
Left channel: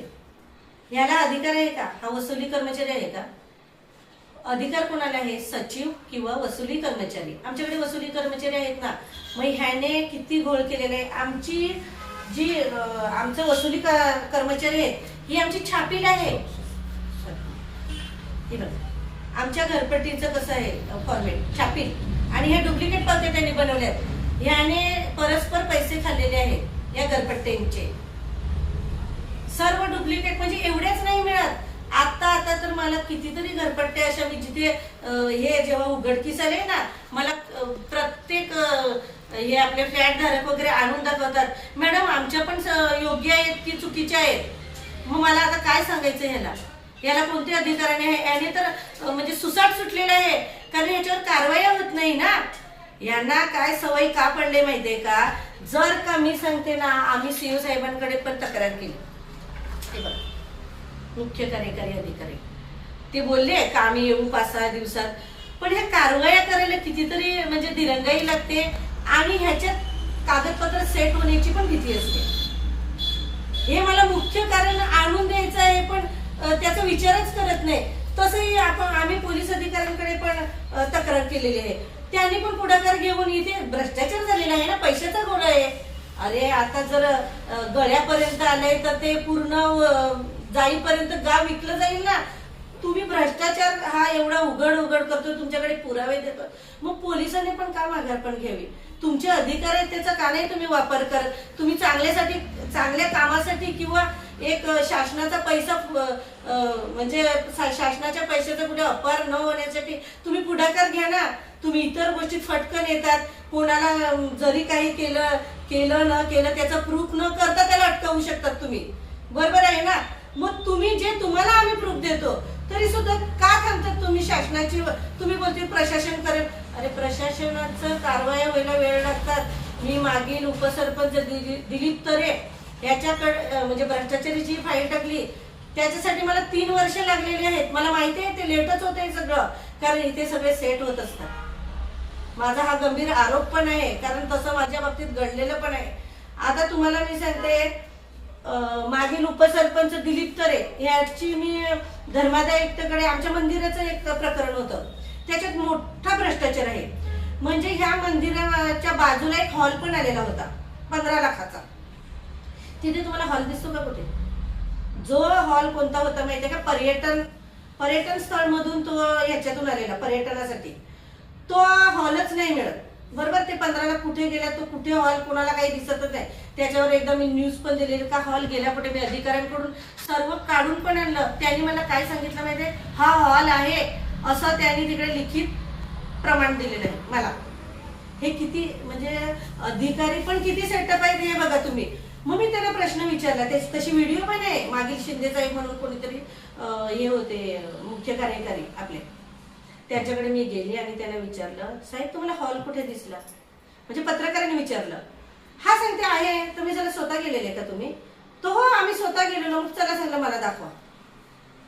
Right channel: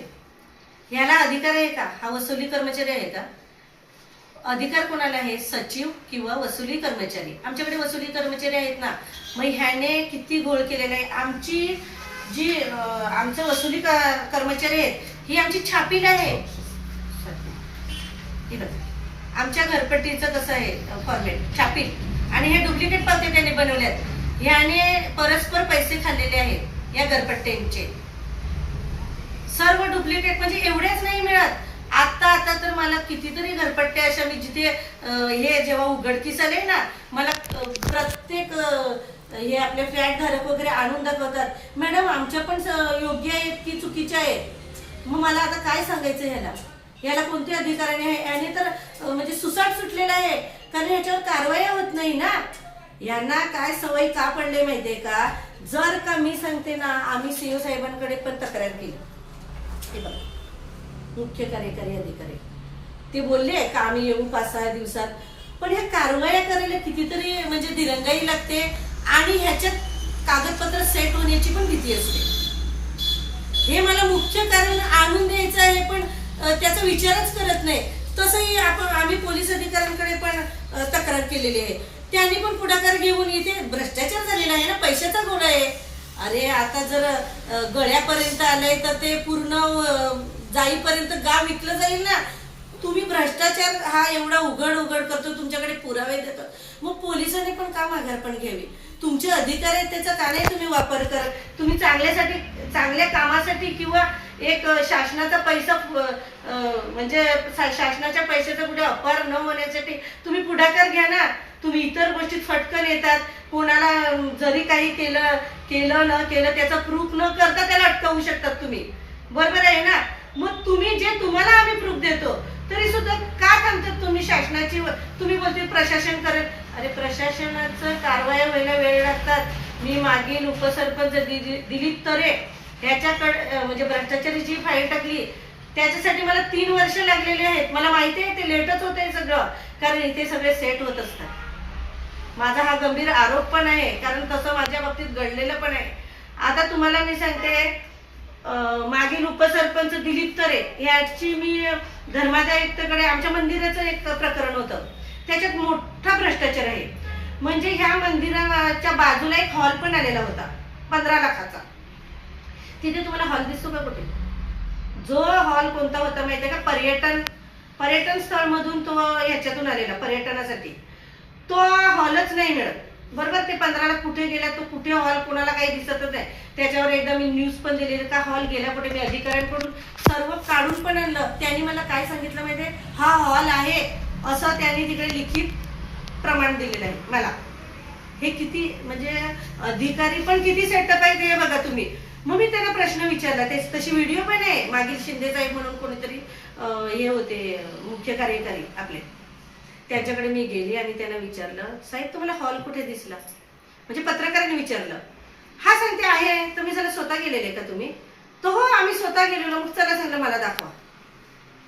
ह्याला अधिकार आहे का? हा वसुली कर्मचारी आहे का? अधिकार कोणाला आहे? सचिव किंवा वसुली कर्मचारी. आमच्याकडे वसुली कर्मचारी आहेत ना. मग ह्याने किती घोळ केलेला आहे. आमची जी आमचं वसुली कर्मचारी आहेत ही आमची छापील आहे. हे बघा, आमच्या घरपट्टीचं कसं आहे फॉर्मेट, छापील, आणि हे डुप्लिकेट पावत्या त्यांनी बनवल्यात. ह्याने परस्पर पैसे खाल्लेले आहेत या घरपट्ट्यांचे, सर्व डुप्लिकेट. म्हणजे एवढेच नाही मिळत, आता तर मला कितीतरी घरपट्ट्या अशा मी जिथे हे जेव्हा उघडकीस आले ना, मला प्रत्येक हे आपले फ्लॅट धारक वगैरे आणून दाखवतात, मॅडम आमच्या पण योग्य आहेत की चुकीच्या आहेत. मग मला आता काय सांगायचं याला कोणत्या अधिकाराने आहे? याने तर म्हणजे सुसाट सुटलेला आहे, कारण याच्यावर कारवाया होत नाही ना. यांना काय सवय का पडले माहितीये का? जर का मी सांगते ना, आम्ही सीओ साहेबांकडे पण तक्रार केली, ते बघा, मुख्य कार्यकारी अधिकारी ते बोलले का आम्ही येऊ 5-6 दिवसात, पण ह्या कारवाया करायला कितीतरी म्हणजे दिरंगाई लागते आणि ह्याच्यात कागदपत्र सेट होण्याची पण भीती असते. हे मला मुख्य कारण आणून द्यायचं आहे, पण त्याचा विचारच करत नाही. तसंही आम्ही पोलीस अधिकाऱ्यांकडे पण तक्रार केलेली आहे, त्यांनी पण पुढाकार घेऊन इथे भ्रष्टाचार झालेला आहे ना, पैशाचा घोळ आहे. अरे आता जर गळ्यापर्यंत आलंय तर ते पूर्ण जाईपर्यंत गाव विकलं जाईल ना. तुम्ही भ्रष्टाचार हा एवढा उघड करतो, तुमच्याकडे पुरावे देतो, मग पोलिसांनी पण का माघार घ्यावी? तुमचे अधिकार आहेत त्याचा का नाही तुम्ही वापर करत? तुम्ही चांगल्या कामासाठी किंवा एक शासनाचा पैसा म्हणजे शासनाच्या पैशाचा कुठे अपहार न होण्यासाठी तुम्ही पुढाकार घ्या ना. तुम्ही इतर गोष्टीत फटकन येतात, कोणाला जरी काही केलं न केलं त्याचा प्रूफ न करता त्याला अटकावू शकतात तुम्ही, बरोबर आहे ना? मग तुम्ही जे तुम्हाला आम्ही प्रूफ देतो तरी सुद्धा का थांबतात तुम्ही? शासनाची तुम्ही बोलते प्रशासन करेल, अरे प्रशासनाचं कारवाया व्हायला वेळ लागतात. मी मागील उपसरपंच दिलीप तरे ह्याच्याकडे म्हणजे भ्रष्टाचाराची फाईल टाकली, त्याच्यासाठी मला 3 वर्ष लागलेली आहेत. मला माहिती आहे ते लेटच होत आहे सगळं, कारण इथे सगळे सेट होत असतात. माझा हा गंभीर आरोप पण आहे, कारण तसं माझ्या बाबतीत घडलेलं पण आहे. आता तुम्हाला मी सांगते, मागील उपसरपंच दिलीप तरे याची मी धर्मादायुक्तकडे आमच्या मंदिराचं एक प्रकरण होतं, त्याच्यात मोठा भ्रष्टाचार आहे. म्हणजे ह्या मंदिराच्या बाजूला एक हॉल पण आलेला होता 15 लाखाचा. तिथे तुम्हाला हॉल दिसतो का कुठे? जो हॉल कोणता होता माहितीये का? पर्यटन स्थळ मधून तो ह्याच्यातून आलेला पर्यटनासाठी, तो हॉलच नाही मिळत. बरोबर, ते 15 लाख कुठे गेला, तो कुठे हॉल कोणाला काही दिसतच नाही. त्याच्यावर एकदा मी न्यूज पण दिलेली का हॉल गेला कुठे. मी अधिकाऱ्यांकडून सर्व काढून पण आणलं. त्यांनी मला काय सांगितलं माहितीये, हा हॉल आहे असं त्यांनी तिकडे लिखित प्रमाण दिलेलं आहे मला. हे किती म्हणजे अधिकारी पण किती सेटअप आहे हे बघा तुम्ही. मग मी त्याला प्रश्न विचारला, तशी व्हिडिओ पण आहे. मागील शिंदे साहेब म्हणून कोणीतरी हे होते मुख्य कार्यकारी आपले, त्यांच्याकडे मी गेली आणि त्यांना विचारलं, साहेब तुम्हाला हॉल कुठे दिसला? म्हणजे पत्रकारांनी विचारलं. हा सांगते आहे. तुम्ही जरा स्वतः गेलेले का तुम्ही? तो हो आम्ही स्वतः गेलेलो. मग चला सांगलं मला दाखवा.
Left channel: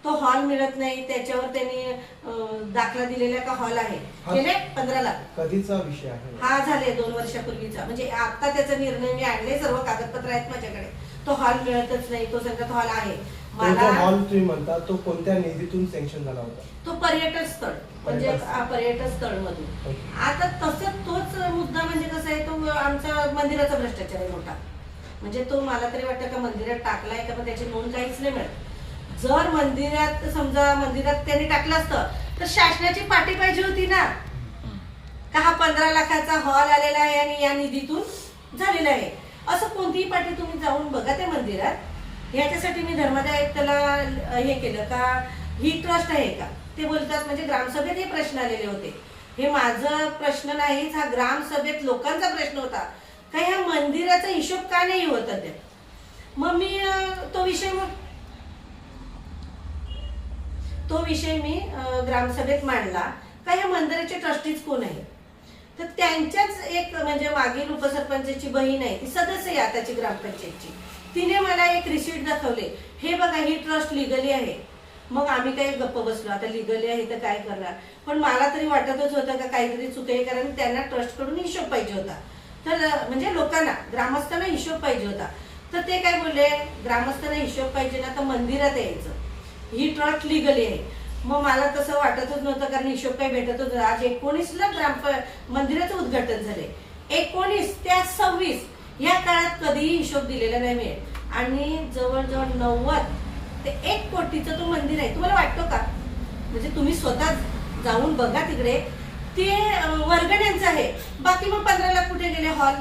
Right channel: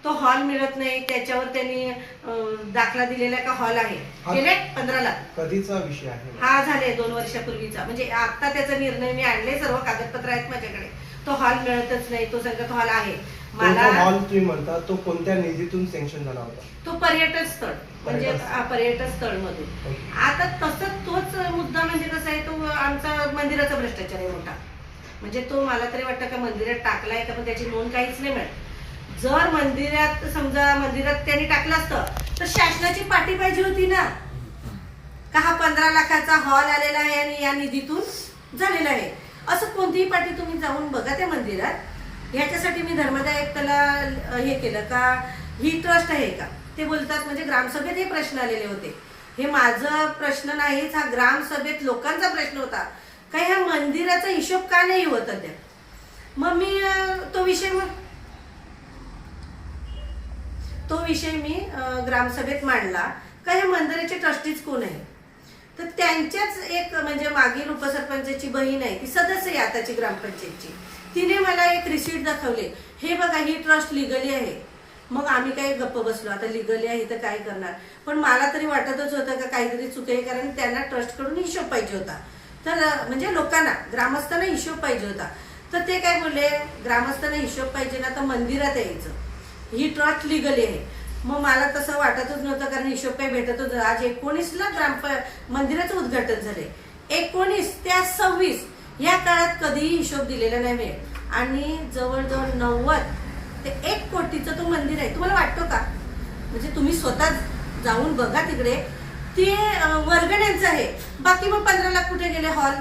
तो हॉल मिळत नाही. त्याच्यावर त्यांनी दाखला दिलेला का हॉल आहे. गेले 15 लाख. कधीचा विषय आहे हा? झाले 2 वर्षापूर्वीचा. म्हणजे आता त्याचा निर्णय मी आणले, सर्व कागदपत्र आहेत माझ्याकडे. तो हॉल मिळतच नाही. तो सांगत हॉल आहे. मला हॉल तुम्ही म्हणता तो कोणत्या निधीतून सँक्शन झाला होता? तो पर्यटन स्थळ म्हणजे पर्यटन स्थळ मधून. आता तसंच तोच मुद्दा म्हणजे कसा आहे, तो आमचा मंदिराचा भ्रष्टाचार आहे मोठा. म्हणजे तो मला तरी वाटतं का मंदिरात टाकलाय का, पण त्याची नोंद काहीच नाही मिळत. जर मंदिरात समजा मंदिरात त्यांनी टाकलं असतं तर शासनाची पाटी पाहिजे होती ना, का हा 15 लाखाचा हॉल आलेला आहे आणि या निधीतून झालेला आहे. असं कोणतीही पाटी तुम्ही जाऊन बघा त्या मंदिरात. ह्याच्यासाठी मी धर्मादायुक्ताला हे केलं का ही ट्रस्ट आहे का, ते बोलतात. म्हणजे ग्रामसभेत हे प्रश्न आलेले होते. हे माझा प्रश्न नाहीच, हा ग्रामसभेत लोकांचा प्रश्न होता का ह्या मंदिराचा हिशोब का नाही होत अद्याप. मग मी तो विषय मी ग्रामसभेत मांडला का ह्या मंदिराचे ट्रस्टीज कोण आहे. तर त्यांच्याच एक म्हणजे मागील उपसरपंचाची बहीण आहे, ती सदस्य आहे आताची ग्रामपंचायतची. तिने मला एक रिसीट दाखवले, हे बघा ही ट्रस्ट लिगली आहे. मग आम्ही काही गप्प बसलो, आता लिगली आहे तर काय करणार. पण मला तरी वाटतच होतं का काहीतरी चूक आहे, कारण त्यांना ट्रस्टकडून हिशोब पाहिजे होता. तर म्हणजे लोकांना ग्रामस्थांना हिशोब पाहिजे होता. तर ते काय बोलले, ग्रामस्थांना हिशोब पाहिजे ना तर मंदिरात यायचं, ही ट्रस्ट लिगली आहे. मग मला तसं वाटतच नव्हतं, कारण हिशोब काही भेटतच नव्हता. आज 19ला मंदिराचं उद्घाटन झाले. 19 ते 26 या काळात कधीही हिशोब दिलेला नाही. आणि जवळजवळ 90 ते 1 कोटीचं तो मंदिर आहे. तुम्हाला वाटतो का? म्हणजे तुम्ही स्वतः जाऊन बघा तिकडे, ते वर्गण्यांचं आहे. बाकी मग 15 लाख कुठे गेले हॉल?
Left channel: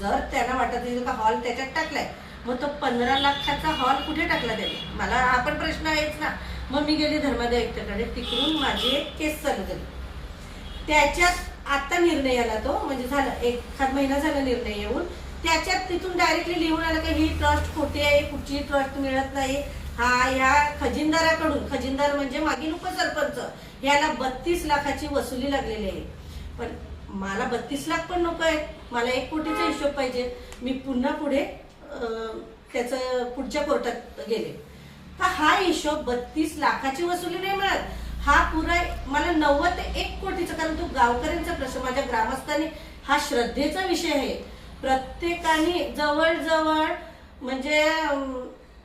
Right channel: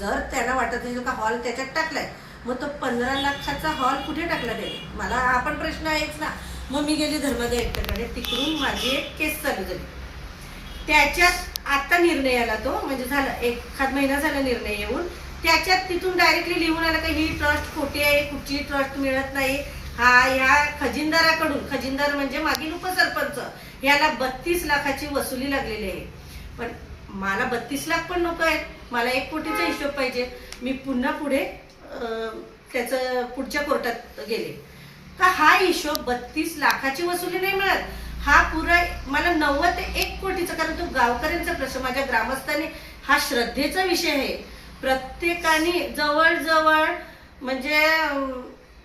जर त्यांना वाटत असेल का हॉल त्याच्यात टाकलाय, मग तो 15 लाखाचा हॉल कुठे टाकला त्याने? मला हा पण प्रश्न आहेच ना. मग मी गेले धर्मादायुक्ताकडे, तिकडून माझी एक केस चालू झाली. त्याच्यात आता निर्णय आला तो, म्हणजे झाला 1 महिना झाला निर्णय येऊन. त्याच्यात तिथून डायरेक्टली लिहून आलं की ही ट्रस्ट खोटी आहे, कुठची ट्रस्ट मिळत नाही. हा या खजिनदाराकडून, खजिनदार म्हणजे मागील उपसरपंच, याला 32 लाखाची वसुली लागलेली आहे. पण मला 32 लाख पण नको आहेत, मला 1 कोटीचा हिशोब पाहिजे. मी पुन्हा पुढे त्याचं पुढच्या कोर्टात गेले का हा हिशोब 32 लाखाची वसुली नाही मिळत. हा पुरा मला 90 ते 1 कोटीचा, कारण तो गावकऱ्यांचा प्रश्न, माझ्या ग्रामस्थांनी हा श्रद्धेचा विषय आहे. प्रत्येकाने जवळजवळ म्हणजे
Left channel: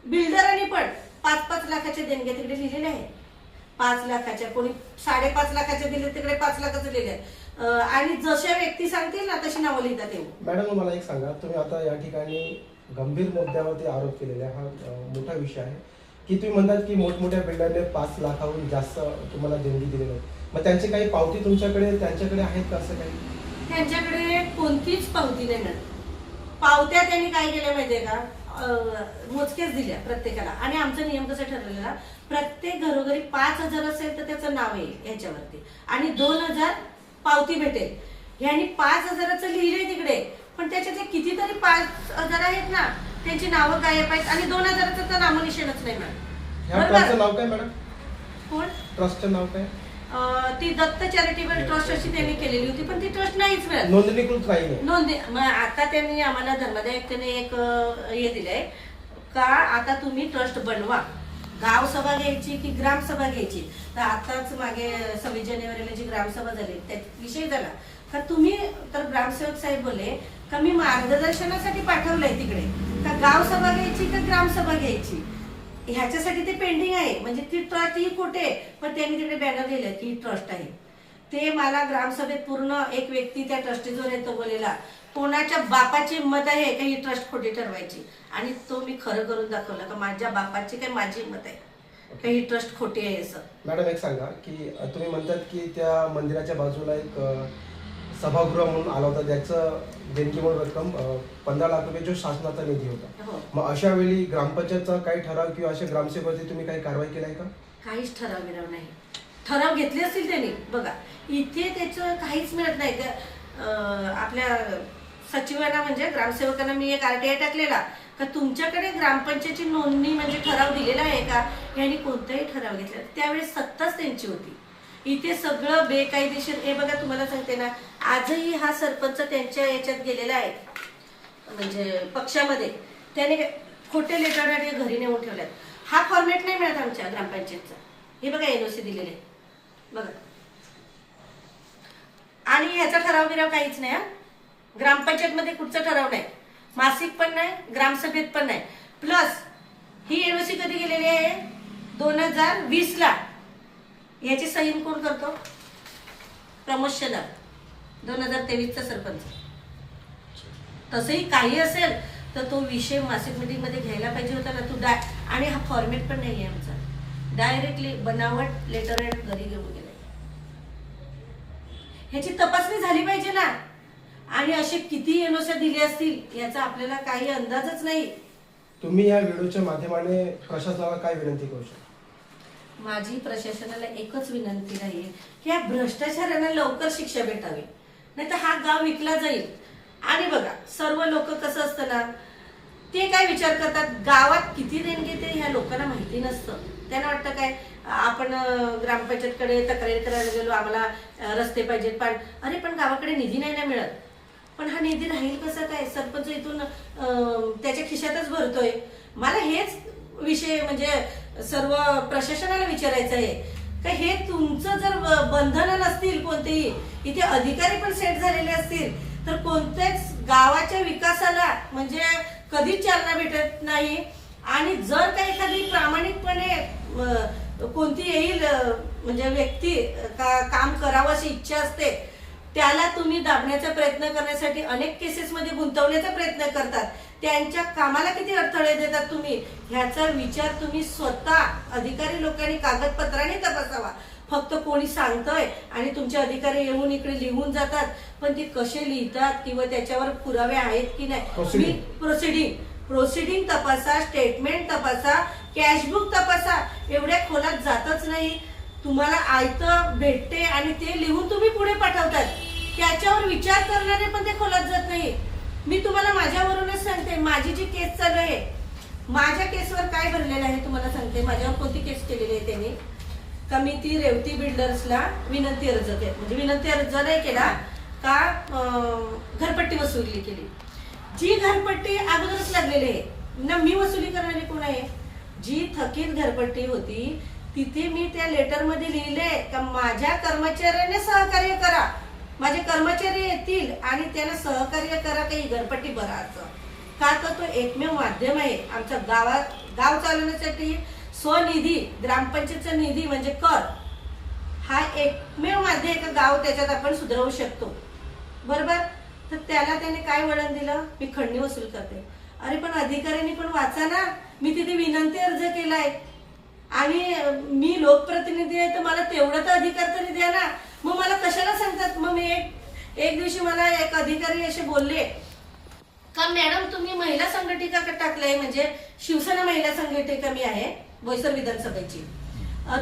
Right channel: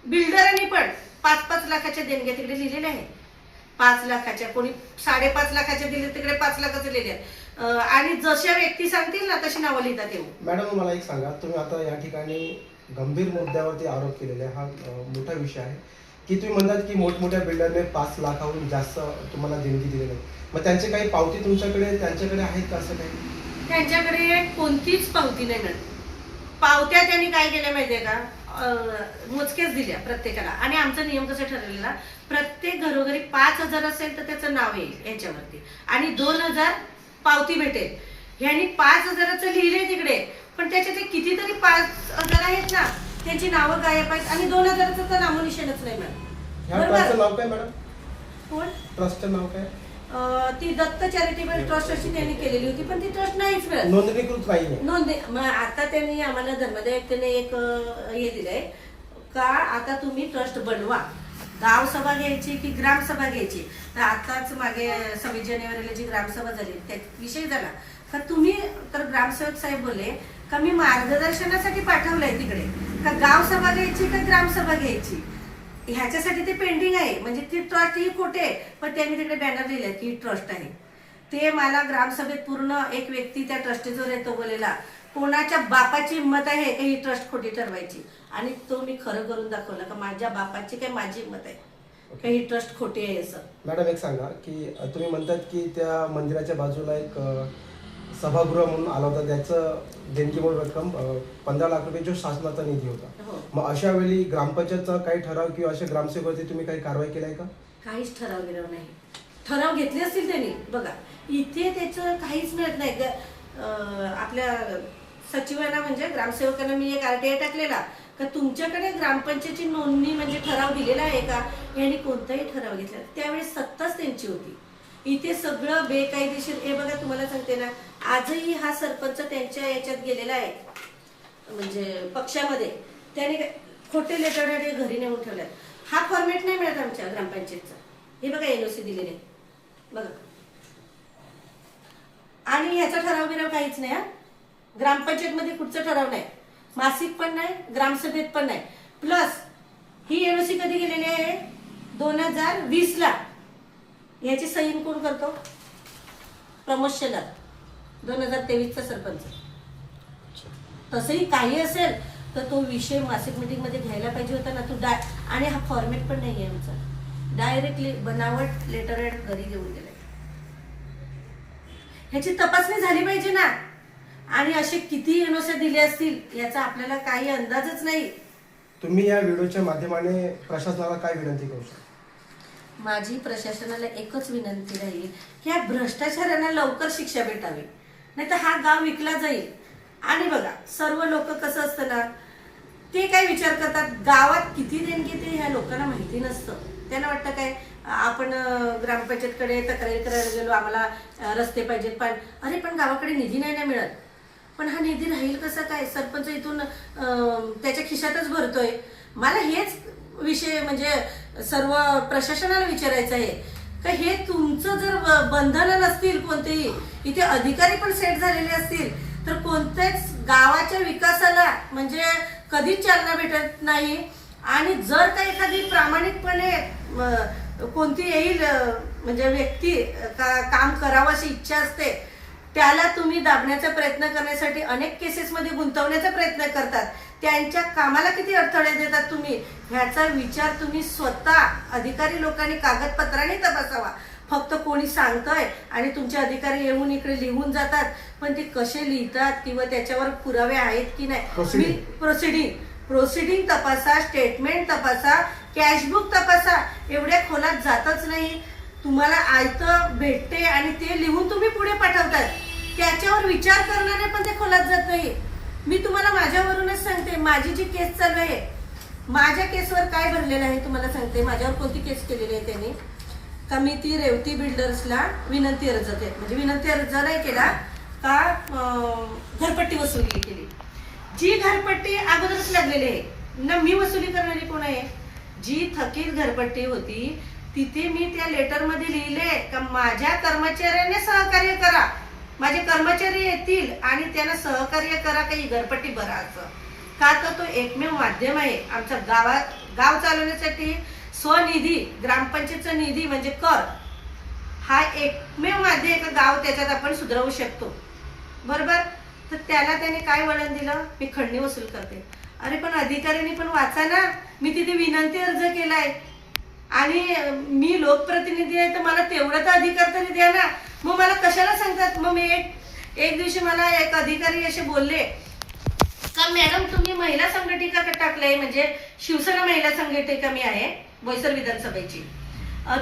बिल्डरांनी पण 5-5 लाखाच्या देणग्या तिकडे लिहिलेल्या आहेत. 5 लाखाच्या, कोणी 5.5 लाखाच्या दिले, तिकडे 5 लाखाचं लिहिले आहे. आणि जशा व्यक्ती सांगतील ना तशी नावं लिहितात. येऊ मॅडम मला एक सांगा, तुम्ही आता या ठिकाणी गंभीर मुद्द्यावरती आरोप केलेले, हा मोठा विषय आहे. की तुम्ही म्हणतात की मोठमोठ्या बिल्डरने 5 लाखाहून जास्त तुम्हाला देणगी दिलेली आहे, मग त्यांची काही पावती त्यांच्याकडे आहेत का असं काही? त्यांच्याकडे कोणतीच पावती नाही मिळत. पावत्या त्यांनी काय केल्या माहितीये का, मोजकेच दिल्या प्रत्येकाला. आणि आमचा नियम कसा ठरलेला, प्रत्येक घरोघरी 5,000 असेल तर त्याचं नाव येईल याच्यावरती आणि 2,000 पावती भेटेल. ह्यांनी 5,000चं लिहिले तिकडे, पण त्याच्यात कितीतरी 5,000 आहेत ना, त्यांची नावं गायब आहेत आणि 2,000चं तर नामोनिशाणच नाही मिळत. ह्या ट्रस्टचं नाव काय मॅडम? कोण? ट्रस्टचं नाव काय? ती दत्त चॅरिटेबल ट्रस्ट अशी त्यांनी केलेली होती, पण ती ट्रस्ट नाहीच मिळत, नोंदणीकृत नाहीये. मग आता त्यांनी आम्हाला धर्मादाय आयुक्तांनी एक हे दिलंय का, आता तुम्ही ट्रस्ट बनवा. गाव सभा घ्यायची की ग्रामसभा घ्यायची. तर आताच मागे 26 जानेवारीला जी ग्रामसभा झाली त्या विषय झाला का, तुम्ही तर ग्रामसेवक साहेब बोलले का मी मार्गदर्शनासाठी पाठवलंय तिकडे, का गाव सभा घ्यायची का ग्रामसभा घ्यायची, ह्याच्यासाठी ते पेंडिंग आहे. म्हणजे ती ट्रस्ट ही खोटे, पण त्यांनी तिकडे बॅनर लिहिलंय की ट्रस्ट आहे. ते मला ग्रामसभेत पूर्ण एक व्यक्ती त्या ट्रस्टीजवर येतो बोलेला, कोणाच्या बापाची मत आहे का ही ट्रस्ट खोटी ठरवायची, आणि तो मी खरं करून दाखवलं का माझ्या बापाची काय माझी मत आहे का ही ट्रस्ट खोटी आहे असं. मॅडम एक सांगा की तुम्ही म्हणतात की त्या मंदिराच्या बाजूला एक सभागृह म्हणून आला होता, त्याचं देणगी म्हणून रक्कम 15 लाख रुपये जो शासनाचा निधी होता. हो. मग अशा वेळी ग्रामपंचायतचा काही ठराव किंवा अशा ग्रामसेवकाची तुम्ही काही कारवाई केलाय का? काहीच ठराव बिराव नाही. ठराव घेतले असतील त्यांनी, बघा इथे त्याचं काहीच मिळत नाही. आपल्या सचिवांना म्हणजे ग्रामसेवकांना मी एक RTI टाकलेला का तुमच्याकडे ग्रामपंचायतची नोंदणी म्हणजे ठराव दिलेला आहे का, यांनी कोणताही ठराव घेतला. त्यावेळेस सत्ताच त्यांची होती. इथे सगळं बेकायदेशीर. हे बघा तुम्हाला सांगते ना, आजही हा सरपंच त्यांच्या याच्यात गेलेला आहे म्हणजे पक्षामध्ये, त्याने खोटे लेटर घरी नेऊन ठेवल्यात. हा फॉर्मॅट नाही मिळत आमच्या ग्रामपंचायतचा. हे बघा NOC दिलेले बघा, आणि ह्याचा ठराव बिराव काहीच नाही. ग्रामपंचायत मध्ये कुठचा ठराव नाही, मासिक पण नाही, ग्रामसभेत पण नाही. प्लस ही NOC कधी गेलेली आहे 2020 ला. याची सही कोण करतो? प्रमोद शेलार, 2023चा सरपंच. तसंही काही असेल तर तो विषय मासिक मीटिंग मध्ये घ्यायला पाहिजे होता ना. तू आणि हा फॉर्मॅट पण नाहीये आमचा, डायरेक्टली बनावट लेटर घरी घेऊन गेलाय. ह्याची तपासणी झाली पाहिजे ना. आणि असे किती NOC दिले असतील याचा आपल्याला काही अंदाजच नाही. तुम्ही या व्हिडिओच्या माध्यमाने प्रशासनाला काय विनंती करू शकता? माझी प्रशासनाला एकच विनंती राहील की या भ्रष्टाचारांना लवकर शिक्षा भेटावी, नाही तर हा गाव विकला जाईल. आणि बघा सर्व लोक कसं असतं ना, ते काय विचार करतात गावात किती देणगी ते ह्या लोकांना माहिती नसतं. त्यांना वाटतं काय आपण ग्रामपंचायतकडे तक्रारी करायला गेलो, आम्हाला रस्ते पाहिजेत, पण अरे पण गावाकडे निधी नाही ना मिळत. पण हा निधी राहील कसं काय, सरपंच इथून त्याच्या खिशातच भरतोय. मला हेच विषय म्हणजे सर्व प्रशासनाला विचारायचं आहे का हे तुमचं जर बंधनं नसतील कोणतेही, इथे अधिकारी पण सेट झालेले असतील तर कोणत्याच गावाच्या विकासाला म्हणजे कधीच चालना भेटत नाही. आणि जर का एखादी प्रामाणिकपणे कोणती येईल म्हणजे व्यक्ती काम करावं अशी इच्छा असते, त्याला तुम्ही दाबण्याचा प्रयत्न करण्यासाठी अनेक केसेसमध्ये गुंतवण्याचा प्रयत्न करतात. त्यांच्या कामाला किती अडथळे देतात तुम्ही, ह्याचा विचार तुम्ही स्वतः अधिकारी लोकांनी कागदपत्रांनी तपासावा. फक्त कोणी सांगतंय आणि तुमचे अधिकारी येऊन इकडे लिहून जातात, पण ते कसे लिहितात किंवा त्याच्यावर पुरावे आहेत की नाही. प्रोसिडिंग तपासा, स्टेटमेंट तपासा, कॅशबुक तपासा. एवढ्या खोलात जातच नाही. तुम्हाला आयतं भेटते आणि ते लिहून तुम्ही पुढे पाठवतात, त्याच्यावर विचार करणारे पण ते खोलात जात नाही. मी तुम्हाला माझ्यावरूनच सांगते, माझी जी केस चालू आहे, माझ्या केसवर काय भरलेलं आहे तुम्हाला सांगते. माझ्यावर कोणती केस केलेली आहे त्यांनी का, मी ती रेवती बिल्डर्सला विनंती अर्ज म्हणजे विनंती अर्ज नाही केला का, घरपट्टी वसुली केली. जी घरपट्टी अगोदरच लागलेली आहे ना, मी वसुली करणारी कोण आहे. जी थकीत घरपट्टी होती तिथे मी त्या लेटरमध्ये लिहिले का माझ्या कर्मचाऱ्याने सहकार्य करा, माझे कर्मचारी येतील आणि त्यांना सहकार्य करा काही घरपट्टी भरायचं. का तर तो एकमेव माध्यम आहे आमच्या गाव चालवण्यासाठी. स्वनिधी, ग्रामपंचायतचा निधी म्हणजे कर, हा एकमेव माध्यम आहे का गाव त्याच्यात आपण सुधारवू शकतो. बरोबर. तर त्याला त्याने काय वळण दिलं, मी खंडणी वसूल करते. अरे पण अधिकाऱ्यांनी पण वाचा ना, मी तिथे विनंती अर्ज केलाय आणि मी लोकप्रतिनिधी आहे तर मला तेवढा तर अधिकार तरी द्या ना. मग मला कशाला सांगतात. मग मी एक दिवशी मला एक अधिकारी असे बोलले का मॅडम तुम्ही महिला संघटिका टाकले, म्हणजे शिवसेना महिला संघटिका मी आहे बोईसर विधानसभेची,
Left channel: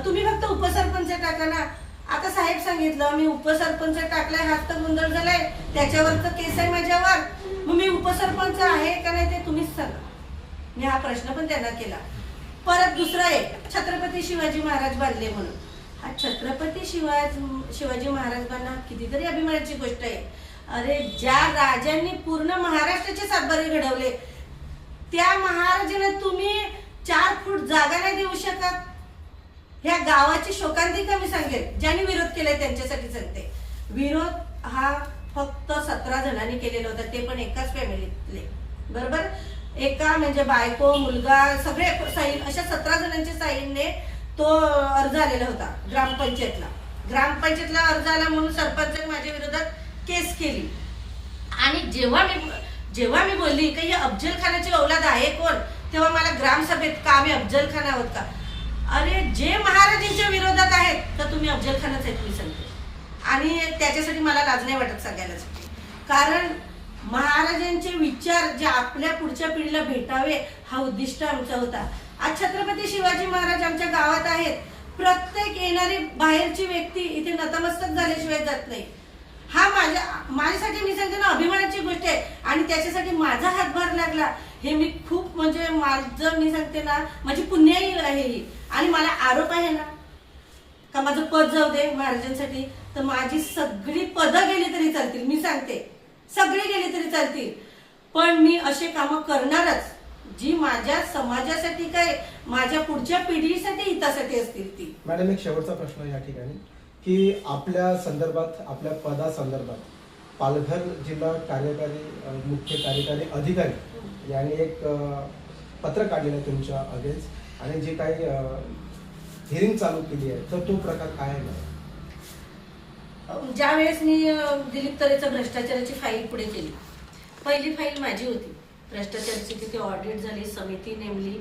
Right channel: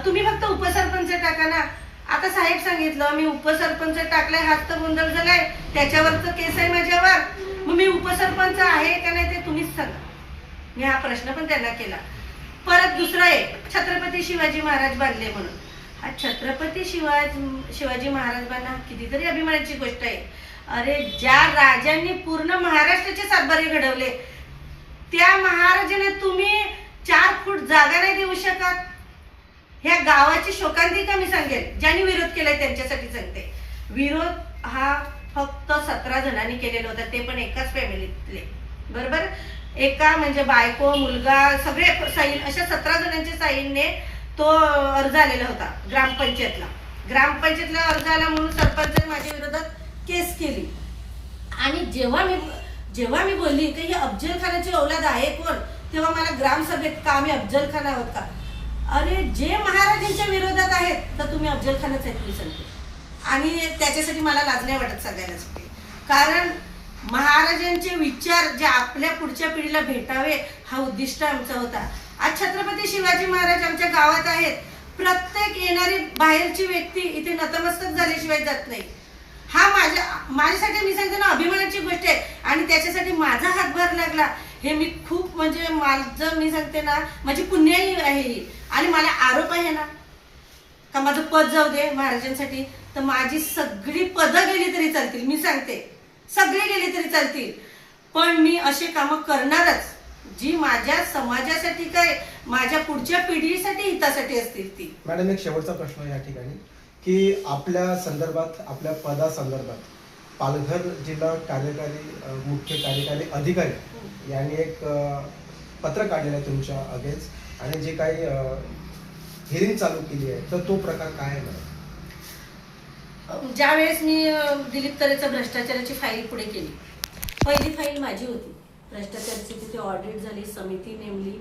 तुम्ही फक्त उपसरपंच टाका ना. आता साहेब सांगितलं मी उपसरपंच टाकलाय, हात तर गोंधळ झालाय, त्याच्यावर तर केस आहे माझ्यावर, मग मी उपसरपंच आहे का नाही ते तुम्हीच सांगा. मी हा प्रश्न पण त्यांना केला. परत दुसरा एक छत्रपती शिवाजी महाराज बांधले म्हणून. हा छत्रपती शिवाजी महाराजांना कितीतरी अभिमानाची गोष्ट आहे. अरे ज्या राजांनी पूर्ण महाराष्ट्राचे सातबारे घडवले त्या महाराजांना तुम्ही 4 फूट जागा नाही देऊ शकत. ह्या गावाची शोकांतिका मी सांगेल, ज्यांनी विरोध केलाय त्यांच्यासाठी सांगते. विरोध हा फक्त 17 जणांनी केलेला होता, ते पण एकाच फॅमिलीतले, बरोबर. एका म्हणजे बायको मुलगा सगळे साईन, अशा 17 जणांच्या साईनने तो अर्ज आलेला होता ग्रामपंचायतला. ग्रामपंचायतला अर्ज आला म्हणून सरपंचाने माझ्या विरोधात केस केली. आणि जेव्हा मी बोलली की ही अफजल खानाची औलाद आहे कोण, तेव्हा मला ग्रामसभेत का आम्ही अफजल खान आहोत का. अरे जे महाराजांच्या विरोधात आहेत तर तुम्ही अफजल खानच आहेत मी सांगते. आणि त्याच्यासाठी मला लाज नाही वाटत सांगायला, कारण महाराजांचे विचार जे आपल्या पुढच्या पिढीला भेटावे हा उद्दिष्ट आमचा होता. आज छत्रपती शिवाजी महाराज आमच्या गावात आहेत. प्रत्येक येणारी बाहेरची व्यक्ती इथे नतमस्तक झाल्याशिवाय जात नाही. हा माझ्यासाठी मी सांगते ना अभिमानाची गोष्ट आहे. आणि त्याच्यासाठी माझा हातभार लागला हे मी खूप म्हणजे माझं मी सांगते ना माझी पुण्याई आहे ही. आणि मला आरोप आहे ना का माझं पद जाऊ दे महाराजांसाठी, तर माझी सगळी पदं गेली तरी चालतील. मी सांगते सगळे गेले तरी चालतील, पण मी असे कामं करणारच जी माझ्या समाजासाठी काय माझ्या पुढच्या पिढीसाठी हितासाठी असतील ती. मॅडम एक शेवटचा प्रश्न या ठिकाणी की आपल्या संदर्भात आपल्या पदासंदर्भात पालघर जिल्हा कार्यकारी मुख्य कार्यकारी अधिकारी यांनी एक पत्र काढलेलं आहे तुमच्या अगेन्स्ट, आणि जे काही हिअरिंग चालू केली आहे तर तो प्रकार काय आहे. ज्या वेळेस मी दिलीप तरेचा भ्रष्टाचाराची फाईल पुढे केली, पहिली फाईल माझी होती भ्रष्टाचाराची. तिथे ऑडिट झाली, समिती नेमली,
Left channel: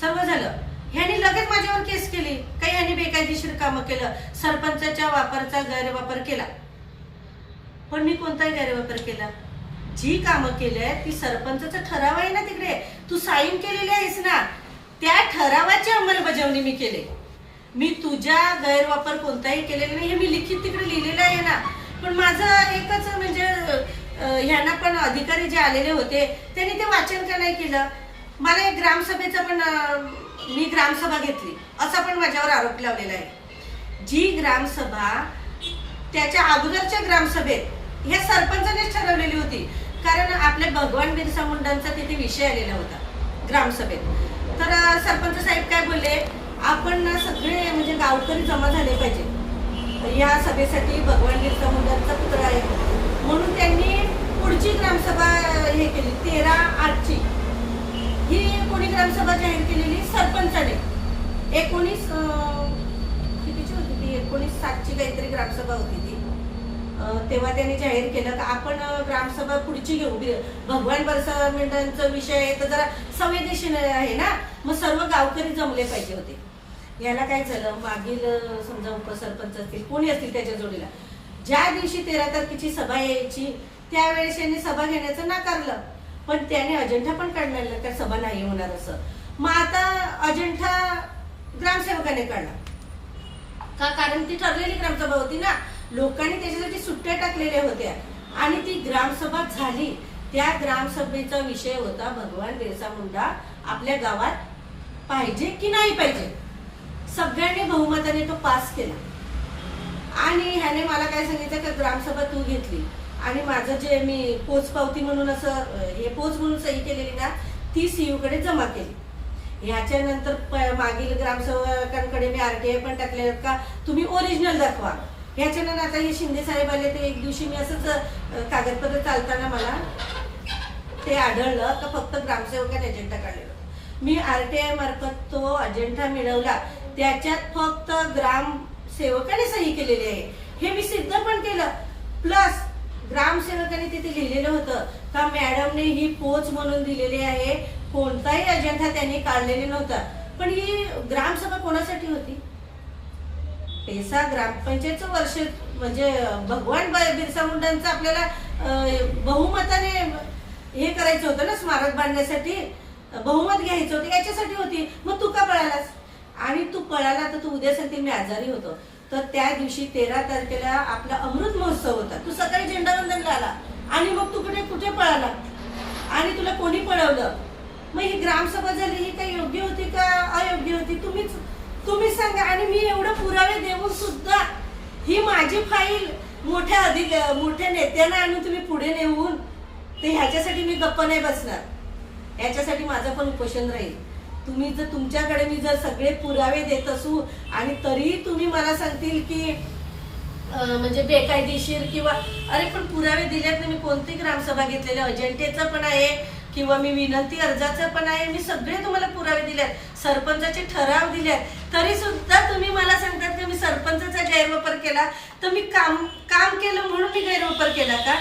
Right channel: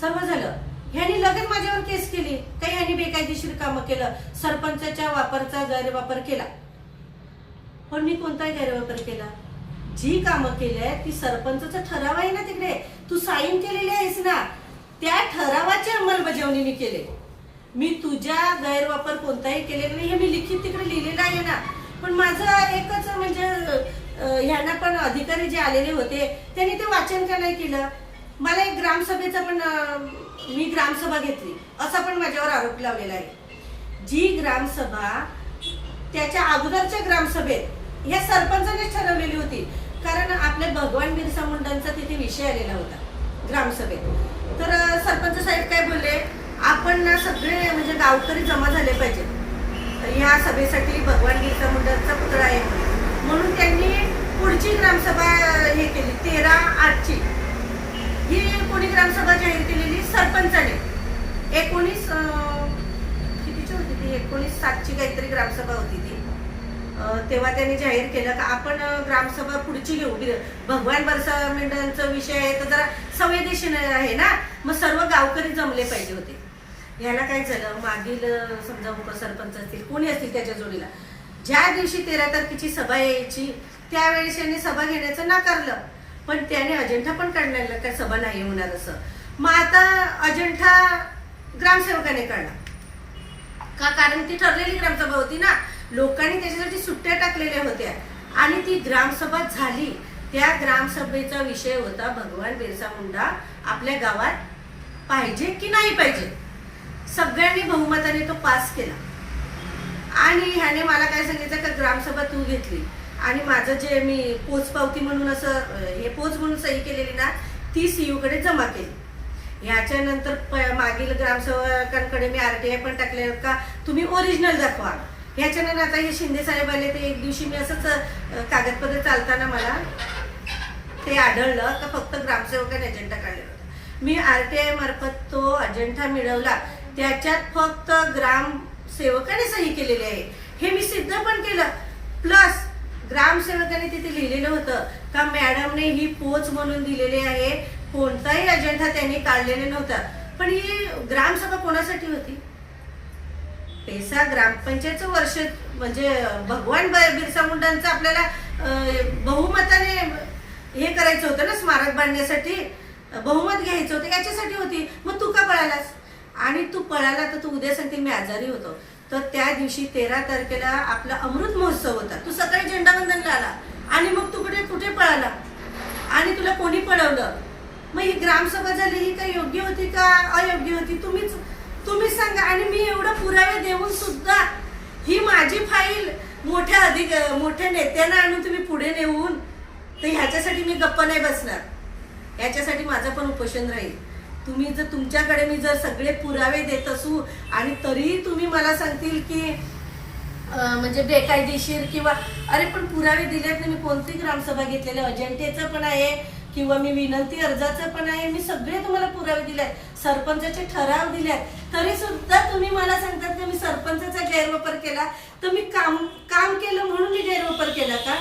सर्व झालं. ह्यांनी लगेच माझ्यावर केस केली काही ह्यांनी बेकायदेशीर कामं केलं, सरपंचाच्या वापरचा गैरवापर केला. पण मी कोणताही गैरवापर केला. जी कामं केली ती सरपंचाचा ठराव आहे ना, तिकडे तू साईन केलेली आहेस ना, त्या ठरावाची अंमलबजावणी मी केली. मी तुझ्या गैरवापर कोणताही केलेला नाही हे मी लिखित तिकडे लिहिलेलं आहे ना. पण माझं एकच म्हणजे ह्यांना पण अधिकारी जे आलेले होते त्यांनी ते वाचन का नाही केलं. मला एक ग्रामसभेचा पण मी ग्रामसभा घेतली असा पण माझ्यावर आरोप लावलेला आहे. जी ग्रामसभा त्याच्या अगोदरच्या ग्रामसभेत ह्या सरपंचानेच ठरवलेली होती, कारण आपल्या भगवान बिरसा मुंडांचा तिथे विषय आलेला होता ग्रामसभेत. तर सरपंच साहेब काय बोलले, आपण ना सगळे म्हणजे गावकरी जमा झाले पाहिजे या सभेसाठी, भगवान बिरसा मुंडांचा पुतळा आहे म्हणून त्यांनी पुढची ग्रामसभा हे केली 13/8ची. ही कोणी ग्रामसभा जाहीर केलेली सरपंचाने. 19/7ची काहीतरी ग्रामसभा होती ती. तेव्हा त्यांनी जाहीर केलं की आपण ग्रामसभा पुढची घेऊ, भगवान बिरसा मुंडांचा विषय आहे तर जरा संवेदनशील आहे ना, मग सर्व गावकरी जमले पाहिजे होते. याला काय झालं, मागील समजा उपसरपंच असतील कोणी असतील त्याच्या जोडीला ज्या दिवशी 13 तारखेची सभा यायची त्यावेळेस यांनी सभा घेण्याचं नाकारलं. पण त्याने अजेंडा पण काढलेला का सभा नाही होणार असं. मग आता अजेंडा ग्रामसेवकाने काढला का, कारण ती ठरलेली ग्रामसभा होती ना, लोकांनी त्याच्यासाठी सुट्ट्या टाकलेल्या होत्या आणि ती ग्रामसभा झाली. त्या ग्रामसभेचा विषय होता भगवान बिरसा मुंडा आपल्या गावात पाहिजे की नाही पाहिजे. सगळ्यांनी बहुमताने तो पास केला. आणि ह्याने मला काय सांगितलं का ग्रामसभा तू घेतली आणि माझं जे मी पोचपावती म्हणून असं हे पोच म्हणून सही केलेली ना ती सीयू कडे जमा केली. ह्याच्यानंतर मागील ग्रामसेवकांकडे मी RTI पण टाकले का तुम्ही ओरिजिनल दाखवा. ह्याच्यानंतर आता हे शिंदे साहेब आले तर एक दिवशी मी असंच कागदपत्र चालताना मला ते आढळलं का फक्त ग्रामसेवकाने अजेंडा काढलेला होता. मी RTI मार्फत तो अजेंडा मिळवला, त्याच्यात फक्त ग्रामसेवकाने सही केलेली आहे हे मी सिद्ध पण केलं. प्लस ग्रामसेवकाने तिथे लिहिलेलं होतं का मॅडमने ही पोच म्हणून दिलेली आहे, कोणताही अजेंडा त्यांनी काढलेला नव्हता. पण ही ग्रामसभा कोणासाठी होती? पैसा ग्रामपंचायतचं वर्ष म्हणजे भगवान बिरसा मुंडांचं आपल्याला बहुमताने हे करायचं होतं ना, स्मारक बांधण्यासाठी बहुमत घ्यायचं होतं, याच्यासाठी होती. मग तू का पळालास? आणि तू पळाला तर तू उद्या सांगतील मी आजारी होतो. तर त्या दिवशी 13 तारखेला आपला अमृत महोत्सव होता. तू सकाळी झेंडावंदनला आला आणि मग तू कुठे पळाला आणि तुला कोणी पळवलं? मग ही ग्रामसभा झाली, ही काही योग्य होती का अयोग्य होती? तुम्हीच सांगा. आणि मी एवढं पुरावे देऊन सुद्धा ही माझी फाईल मोठ्या नेत्यांना आणून तुम्ही पुढे नेऊन, तर ह्याच्यासाठी मी गप्प नाही बसणार. ह्याच्यासाठी माझं पण उपोषण राहील. तुम्ही जर तुमच्याकडे मी जर सगळे पुरावे देत असू आणि तरी तुम्ही मला सांगतील की म्हणजे बेकायदेशीर किंवा अरे पण पुरावे दिलेत ना, मी कोणती ग्रामसभा घेतलेल्या अजेंटेचं पण आहे किंवा मी विनंती अर्जाचं पण आहे, मी सगळे तुम्हाला पुरावे दिलेत, सरपंचाचे ठराव दिलेत, तरी सुद्धा तुम्ही मला सांगतात की मी सरपंचाचा गैरवापर केला. तर मी काम केलं म्हणून मी गैरवापर केला का?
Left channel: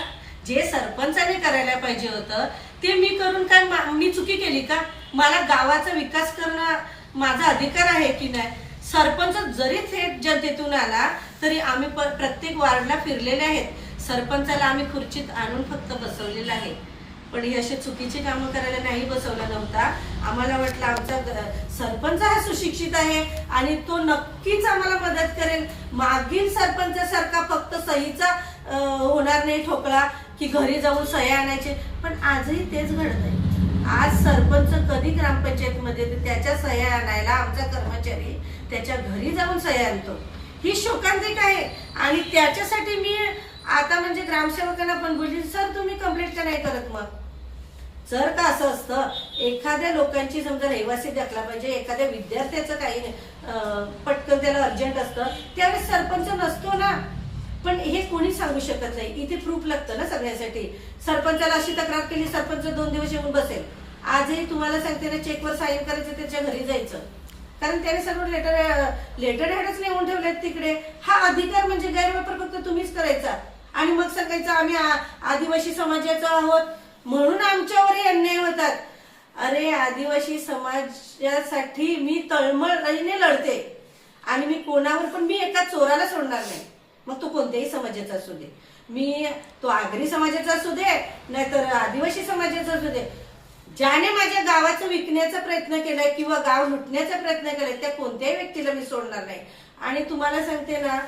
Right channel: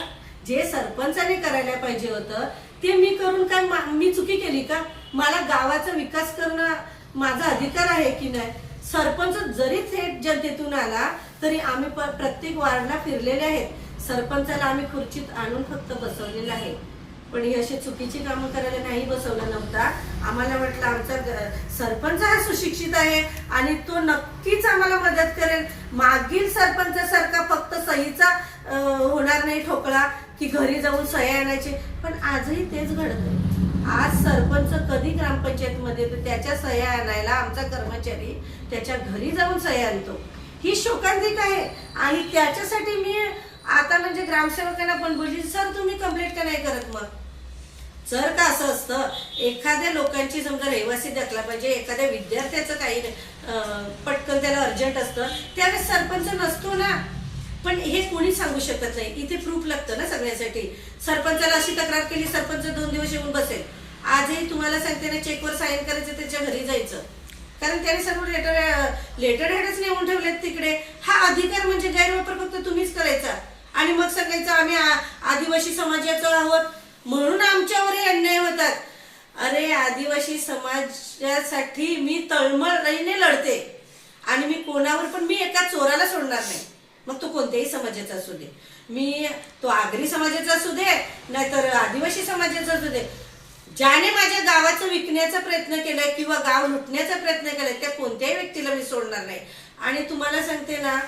जे सरपंचाने करायला पाहिजे होतं ते मी करून काय मी चुकी केली का? मला गावाचा विकास करणं माझा अधिकार आहे की नाही? सरपंच जरी थेट जनतेतून आला तरी आम्ही प्रत्येक वार्डला फिरलेले आहेत. सरपंचाला आम्ही खुर्चीत आणून फक्त बसवलेलं आहे, पण ही अशी चुकीची कामं करायला नाही बसवला नव्हता. आम्हाला वाटलं आमचा सरपंच हा सुशिक्षित आहे आणि तो नक्कीच आम्हाला मदत करेल. मागील सरपंचासारखा फक्त सहीचा होणार नाही ठोकळा की घरी जाऊन सह्या आणायचे, पण आजही तेच घडत आहे. आज सरपंच कधी ग्रामपंचायतमध्ये त्याच्या सह्या आणायला आमचा कर्मचारी त्याच्या घरी जाऊन सह्या आणतो. ही शोकांतिक आहे. आणि त्याच्यासाठी मी आता म्हणजे ग्रामसेवकांना पण बोलली, सर तुम्ही कंप्लेंट का नाही करत? मग जर का असं असतं एखाद्या लोकांची समजा रहिवासी दाखला पाहिजे, एखाद्या विद्यार्थ्याचं काही पटकन त्याला अर्जंट असतं त्यावेळेस सरपंच नसतो ना. पण हे कोणी सांगू शकत नाही. इथे प्रूफ लागतं ना सगळ्यासाठी. सरपंचाला अशी तक्रार केली, सरपंच 2 दिवस येऊन बसेल. आजही तुम्हाला सांगते ना, चेकवर साईन करायचं त्याच्या घरी जायचं, कारण त्याने सर्व लेटर हेडच लिहून ठेवलेत तिकडे. हा अधिकार म्हणजे गैरवापर फक्त तुम्हीच करायचा आणि मग सांगायचं आम्ही आदिवासी समाजाचं आहोत म्हणून आमच्यावरही अन्याय होतात. अरे आदिवासी समाजासाठी मी तळमळीने लढते आणि मी कोणावर पण मी एका चोराला सोडणार नाही, मग तो कोणत्याही समाजाचा असू दे. मी तो आगरी समाजाचा असू दे नाहीतर आदिवासी समाजाचा असू दे. ज्याने माझ्या गावाचं विकण्याचा प्रयत्न केलाय किंवा गाव लुटण्याचा प्रयत्न केलाय त्या कोणत्याही व्यक्तीला मी सोडणार नाही. आणि तुम्हाला सांगते ना,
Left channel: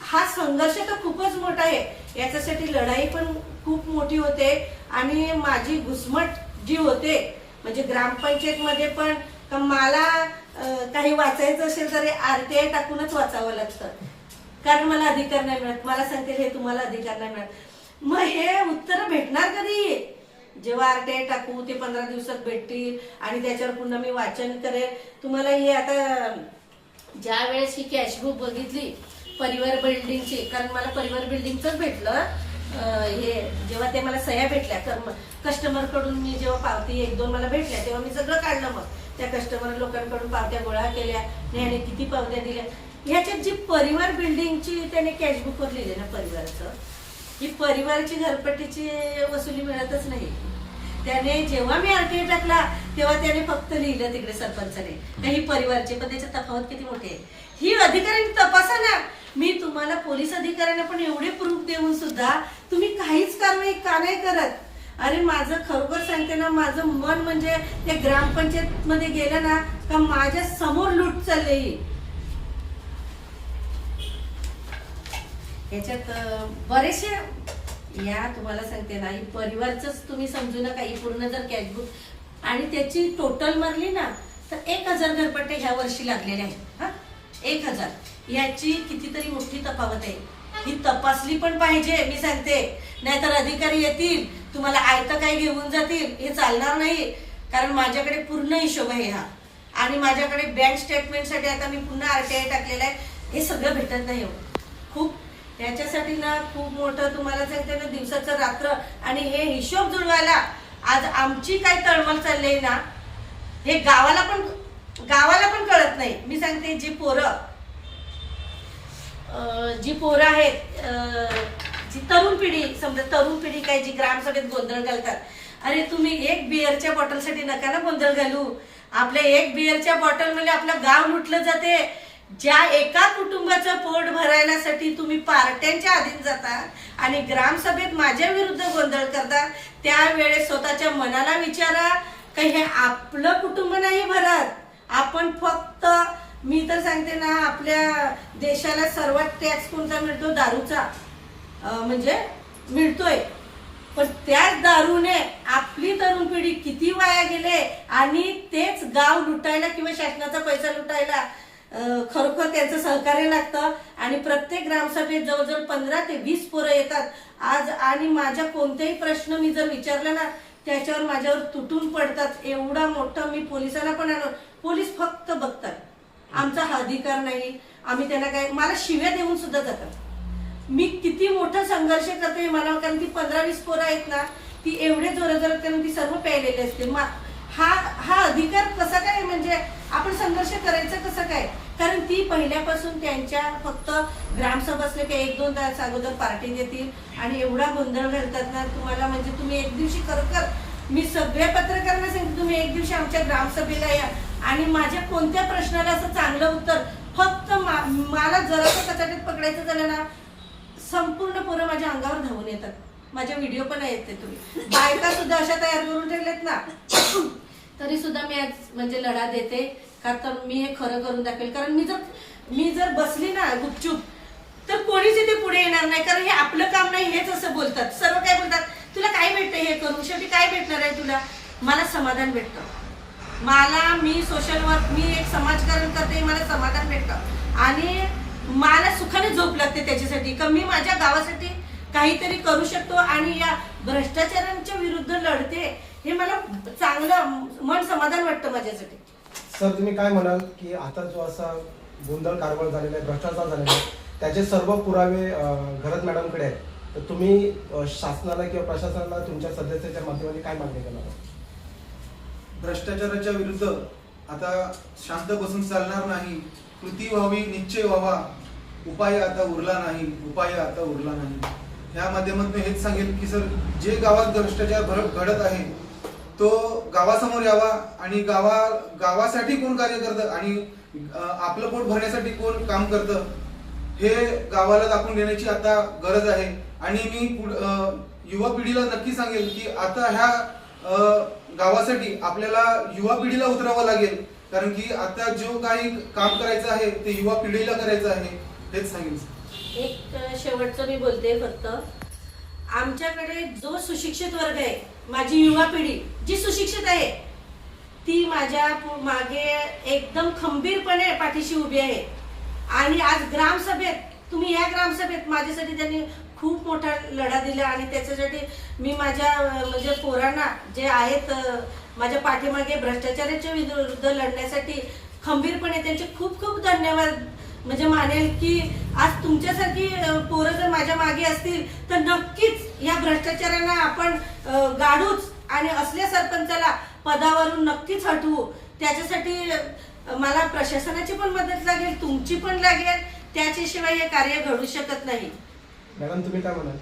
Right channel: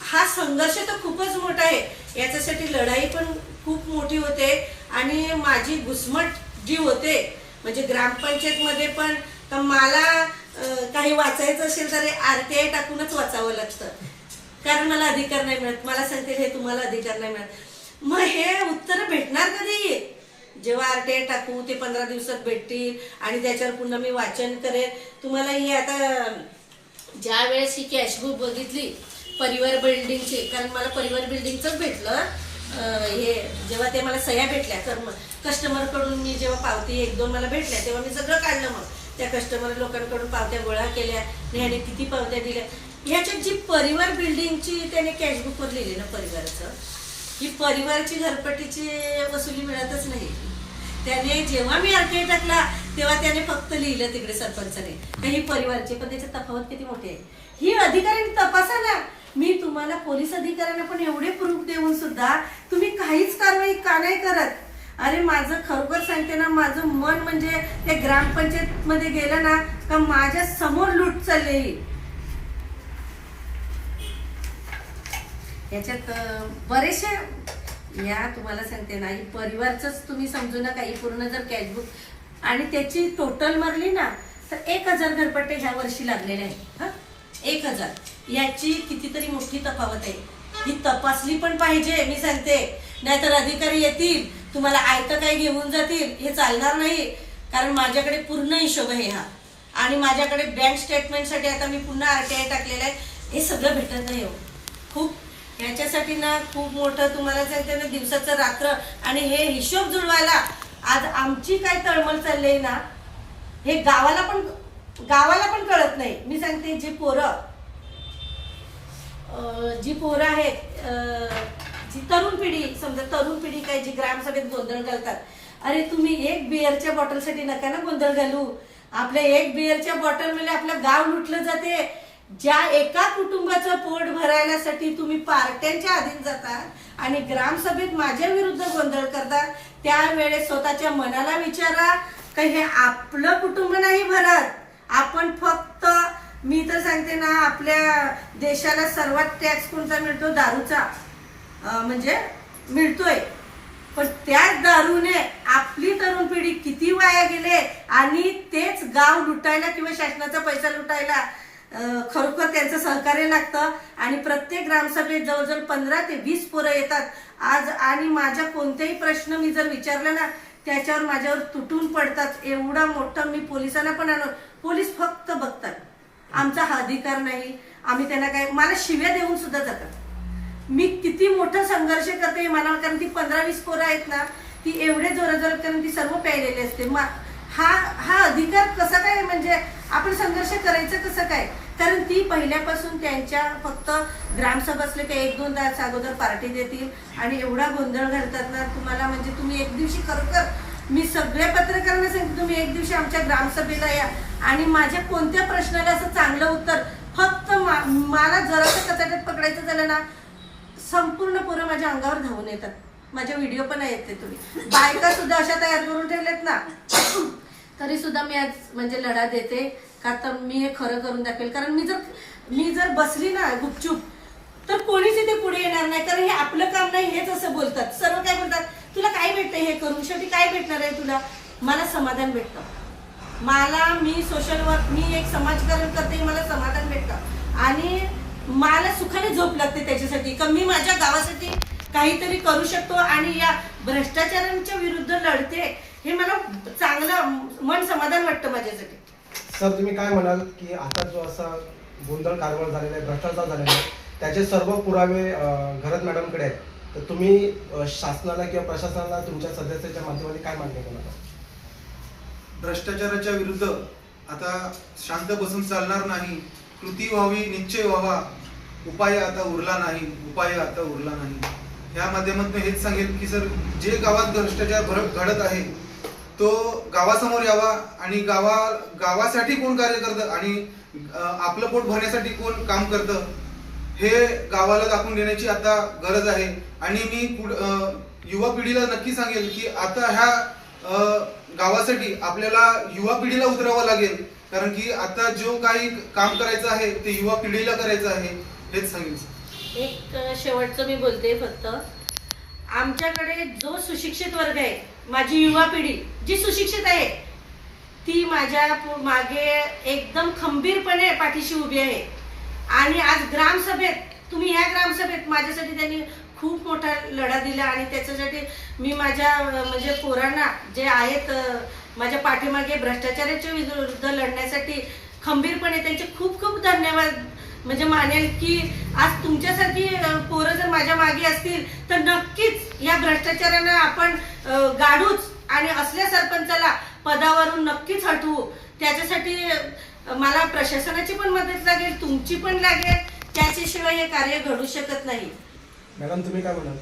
हा संघर्ष तर खूपच मोठा आहे. याच्यासाठी लढाई पण खूप मोठी होते आणि माझी घुसमट जी होते म्हणजे ग्रामपंचायतमध्ये पण मला काही वाचायचं असेल तर RTI टाकूनच वाचावं लागतं, कारण मला अधिकार नाही मिळत. मला सांगते हे तुम्हाला अधिकार नाही मिळत. मग हे उत्तर भेटणार कधी? जेव्हा RTI टाकू ते 15 दिवसात भेटतील आणि त्याच्यावर पुन्हा मी वाचन करेन. तुम्हाला हे आता ज्या वेळेस ही कॅशबुक बघितली परिवार बिल्डिंगची, कारण मला परिवार बिल्डिंगचंच भेटलं हे, जेव्हा ते मला सह्या भेटल्या कस्टमरकडून मी जेव्हा पावती 1-2 मला भेटल्या तेव्हा मी सगळं काढलं. मग त्या कस्टमर लोकांकडून पावत्या गोळा केल्या, ह्याने किती पावत्या दिल्या. ह्याच्यात जी परिवार बिल्डिंगची त्याने कॅशबुकवर लिहिले ना परिवाराचं, ही परिवारची घरपट्टीची वसुली मिळतच नाही. त्याने जेव्हा मी RTI टाकला तेव्हा त्याने फक्त लिहिलं तिकडे सरपंचाने ही परिवारची, पण त्याच्यात तफावत किती मोठी आहे ही अधिकाऱ्यांनी तपासा ना. मी तुम्हाला पोलीस अधिकाऱ्यांना पण एवढे प्रूफ देऊन सुद्धा तुम्ही काहीच कारवाई का नाही करत? अरे माझं खरोखर सांगते ना, माझं मन म्हणजे त्या ग्रामपंचायत मध्ये गेलं ना का माझ्या समोर लूट चालली. याच्यात बरेचसे या तुम्हाला सांगते ना, परिवारच तुम्ही समजू नका. ही पूर्ण जर कॅशबुक आणि त्याची टोटल मारली ना तर 1000 घरपट्टे ह्या वर्षी लागलेले आहेत. 1000 याची कितीतरी मोठी तफावत आहे. ही तपासली पण पाहिजे मी सांगते, नाहीतर अधिकारी येतील तुम्हाला आयतं काय घेऊन जातील. हे चालणार नाही, कारण माझ्याकडे पूर्ण हिशोब आहे हा. आणि माझ्याकडे बँक स्टेटमेंटसाठी आता मी पुन्हा RTI टाकलेला आहे. हे सगळं भेटत नाही हो. खूप याच्यासाठी ना खूप मोठं तुम्हाला सांगते ना, दिवसाचं रात्र आणि हे हिशोब जुळवायला आज आमची काय तळमळ चालली ना, हे गावाला पण कळत नाही. मी सांगते जी पोरं आहेत, जी तरुण पिढी, समजा तरुण पिढी काय जी ग्रामसभेत गोंधळ घालतात. अरे तुम्ही एक बिअरच्या बॉटलसाठी नका ना गोंधळ घालू. आपल्या एक बिअरच्या बॉटलमध्ये आपलं गाव लुटलं जाते. ज्या एका कुटुंबाचं पोट भरायसाठी तुम्ही पार्ट्यांच्या अधीन जाता आणि ग्रामसभेत माझ्या विरुद्ध गोंधळ करता, त्यावेळेस स्वतःच्या मनाला विचारा का हे आपलं कुटुंब नाही भरत. आपण फक्त, मी तर सांगते ना, आपल्या देशाला सर्वात टॅक्स कोणता मिळतो? दारूचा म्हणजे मिळतोय. पण त्याच दारूने आपली तरुण पिढी किती वाया गेले आणि तेच गाव लुटायला किंवा शासनाचा पैसा लुटायला खरोखर त्यांचं सहकार्य लागतं. आणि प्रत्येक ग्रामसभेत जवळजवळ 15 ते 20 पोरं येतात आज. आणि माझ्या कोणतेही प्रश्न मी जर विचारला ना, त्याच्यावर माझ्यावर तुटून पडतात. एवढा मोठा मी पोलिसांना पण आणलो, पोलीस फक्त बघतात. आमचा हा अधिकार नाही. आम्ही त्यांना काय, मला शिव्या देऊन सुद्धा जातात. मी किती मोठा संघर्ष करते मला, कारण ती 15-20 पोरं आहेत ना, ती एवढे जोराजोरात, कारण ती सर्व प्यायलेली असते. हा अधिकार कसा काय, म्हणजे आपण संघर्ष करायचं कसं काय? कारण ती पहिल्यापासून त्यांच्या फक्त ग्रामसभा असले की 1-2 तास अगोदर पार्टी देतील आणि एवढा गोंधळ घालतात ना तुम्हाला. म्हणजे तुम्ही एक दिवशी, खरोखर मी सगळ्या पत्रकारांना सांगते, तुम्ही एक दिवशी आमच्या ग्रामसभेला या आणि माझ्या कोणत्या प्रश्नाला असं चांगलं उत्तर, फक्त मला जरासं कचाट्यात पकडायचं झालं ना, संपूर्ण पोरं माझ्या अंगावर धावून येतात. माझ्या व्हिडिओ पण येते, तुम्ही बायका सुद्धा अशा तयार करून ठेवल्यात ना. तरी सुद्धा मी आज म्हणजे लढा देते का, तर मी हे खरं करून दाखवेल. कारण मी जर बसली ना गुपचूप, तर कोणीच इथे पुढे येणार नाही. कारण हे आपलं काम नाही, हेच असं बोलतात. सर्व काय बोलतात, तुला काय भेटतं हे करून? शेवटी काय भेटणार आहे तुला? मला समाधान भेटतं. मी सोशल वर्क, मी एक समाजकारण करते, मला समाधान भेटतं आणि मला सुखाने झोप लागते त्याच्यासाठी का मी माझ्या गावासाठी काहीतरी करू शकतो आणि या भ्रष्टाचारांच्या विरुद्ध लढते. हे मला चांगलं मन समाधान वाटतं माझ्यासाठी. सर, तुम्ही काय म्हणाल की आता जो असा गोंधळ कारभार झालेला आहे, भ्रष्टाचार झालेला आहे, त्याचे सर्व पुरावे घरत मॅडमकडे आहेत, तर तुम्ही शासनाला किंवा प्रशासनाला तुमच्या सदस्याच्या माध्यमाने काय मागणी करणार? भ्रष्टाचाराच्या विरुद्ध आता शांत बसून चालणार नाही. कृती व्हावी, निश्चय व्हावा. उपाय आता उरला नाही, उपाय आता उरला नाही. ह्या माध्यमातून हेच सांगेल की सर, जे गावात भ्रष्टाचार घडत आहे तो गावासमोर यावा आणि गावासाठी कोण कार्य करतं आणि आपलं पोट भरण्यासाठी कोण काम करतं हे गावाला दाखवून देण्याची आता गरज आहे. आणि मी युवा पिढीला नक्की सांगेल की आता ह्या गावासाठी आपल्याला युवा पिढीला उतरावं लागेल. कारण की आता जो काही काम करायचं आहे ते युवा पिढीला करायचं आहे, हेच सांगेल. एक शेवटचं मी बोलते फक्त, आमच्याकडे जो सुशिक्षित वर्ग आहे, माझी युवा पिढी जी सुशिक्षित आहे, ती माझ्या मागे एकदम खंबीरपणे पाठीशी उभी आहे. आणि आज ग्रामसभेत, तुम्ही ह्या ग्रामसभेत माझ्यासाठी त्यांनी खूप मोठा लढा दिला आणि त्याच्यासाठी मी माझ्या म्हणजे पोरांना जे आहेत माझ्या पाठीमागे भ्रष्टाचाराच्या विरुद्ध लढण्यासाठी खंबीरपणे त्यांचे खूप खूप धन्यवाद म्हणजे मानेल की आज तुमच्यासारखी पोरं जर माझ्या मागे असतील तर नक्कीच या भ्रष्टाचारांना आपण गाडूच आणि असल्या सरपंचाला पदावरून नक्कीच हटवू. त्याच्यासाठी मला प्रशासनाची पण मदत लागेल, तुमची पण लागेल. त्याच्याशिवाय हे कार्य घडू शकत नाही. मॅडम, तुम्ही काय म्हणाल?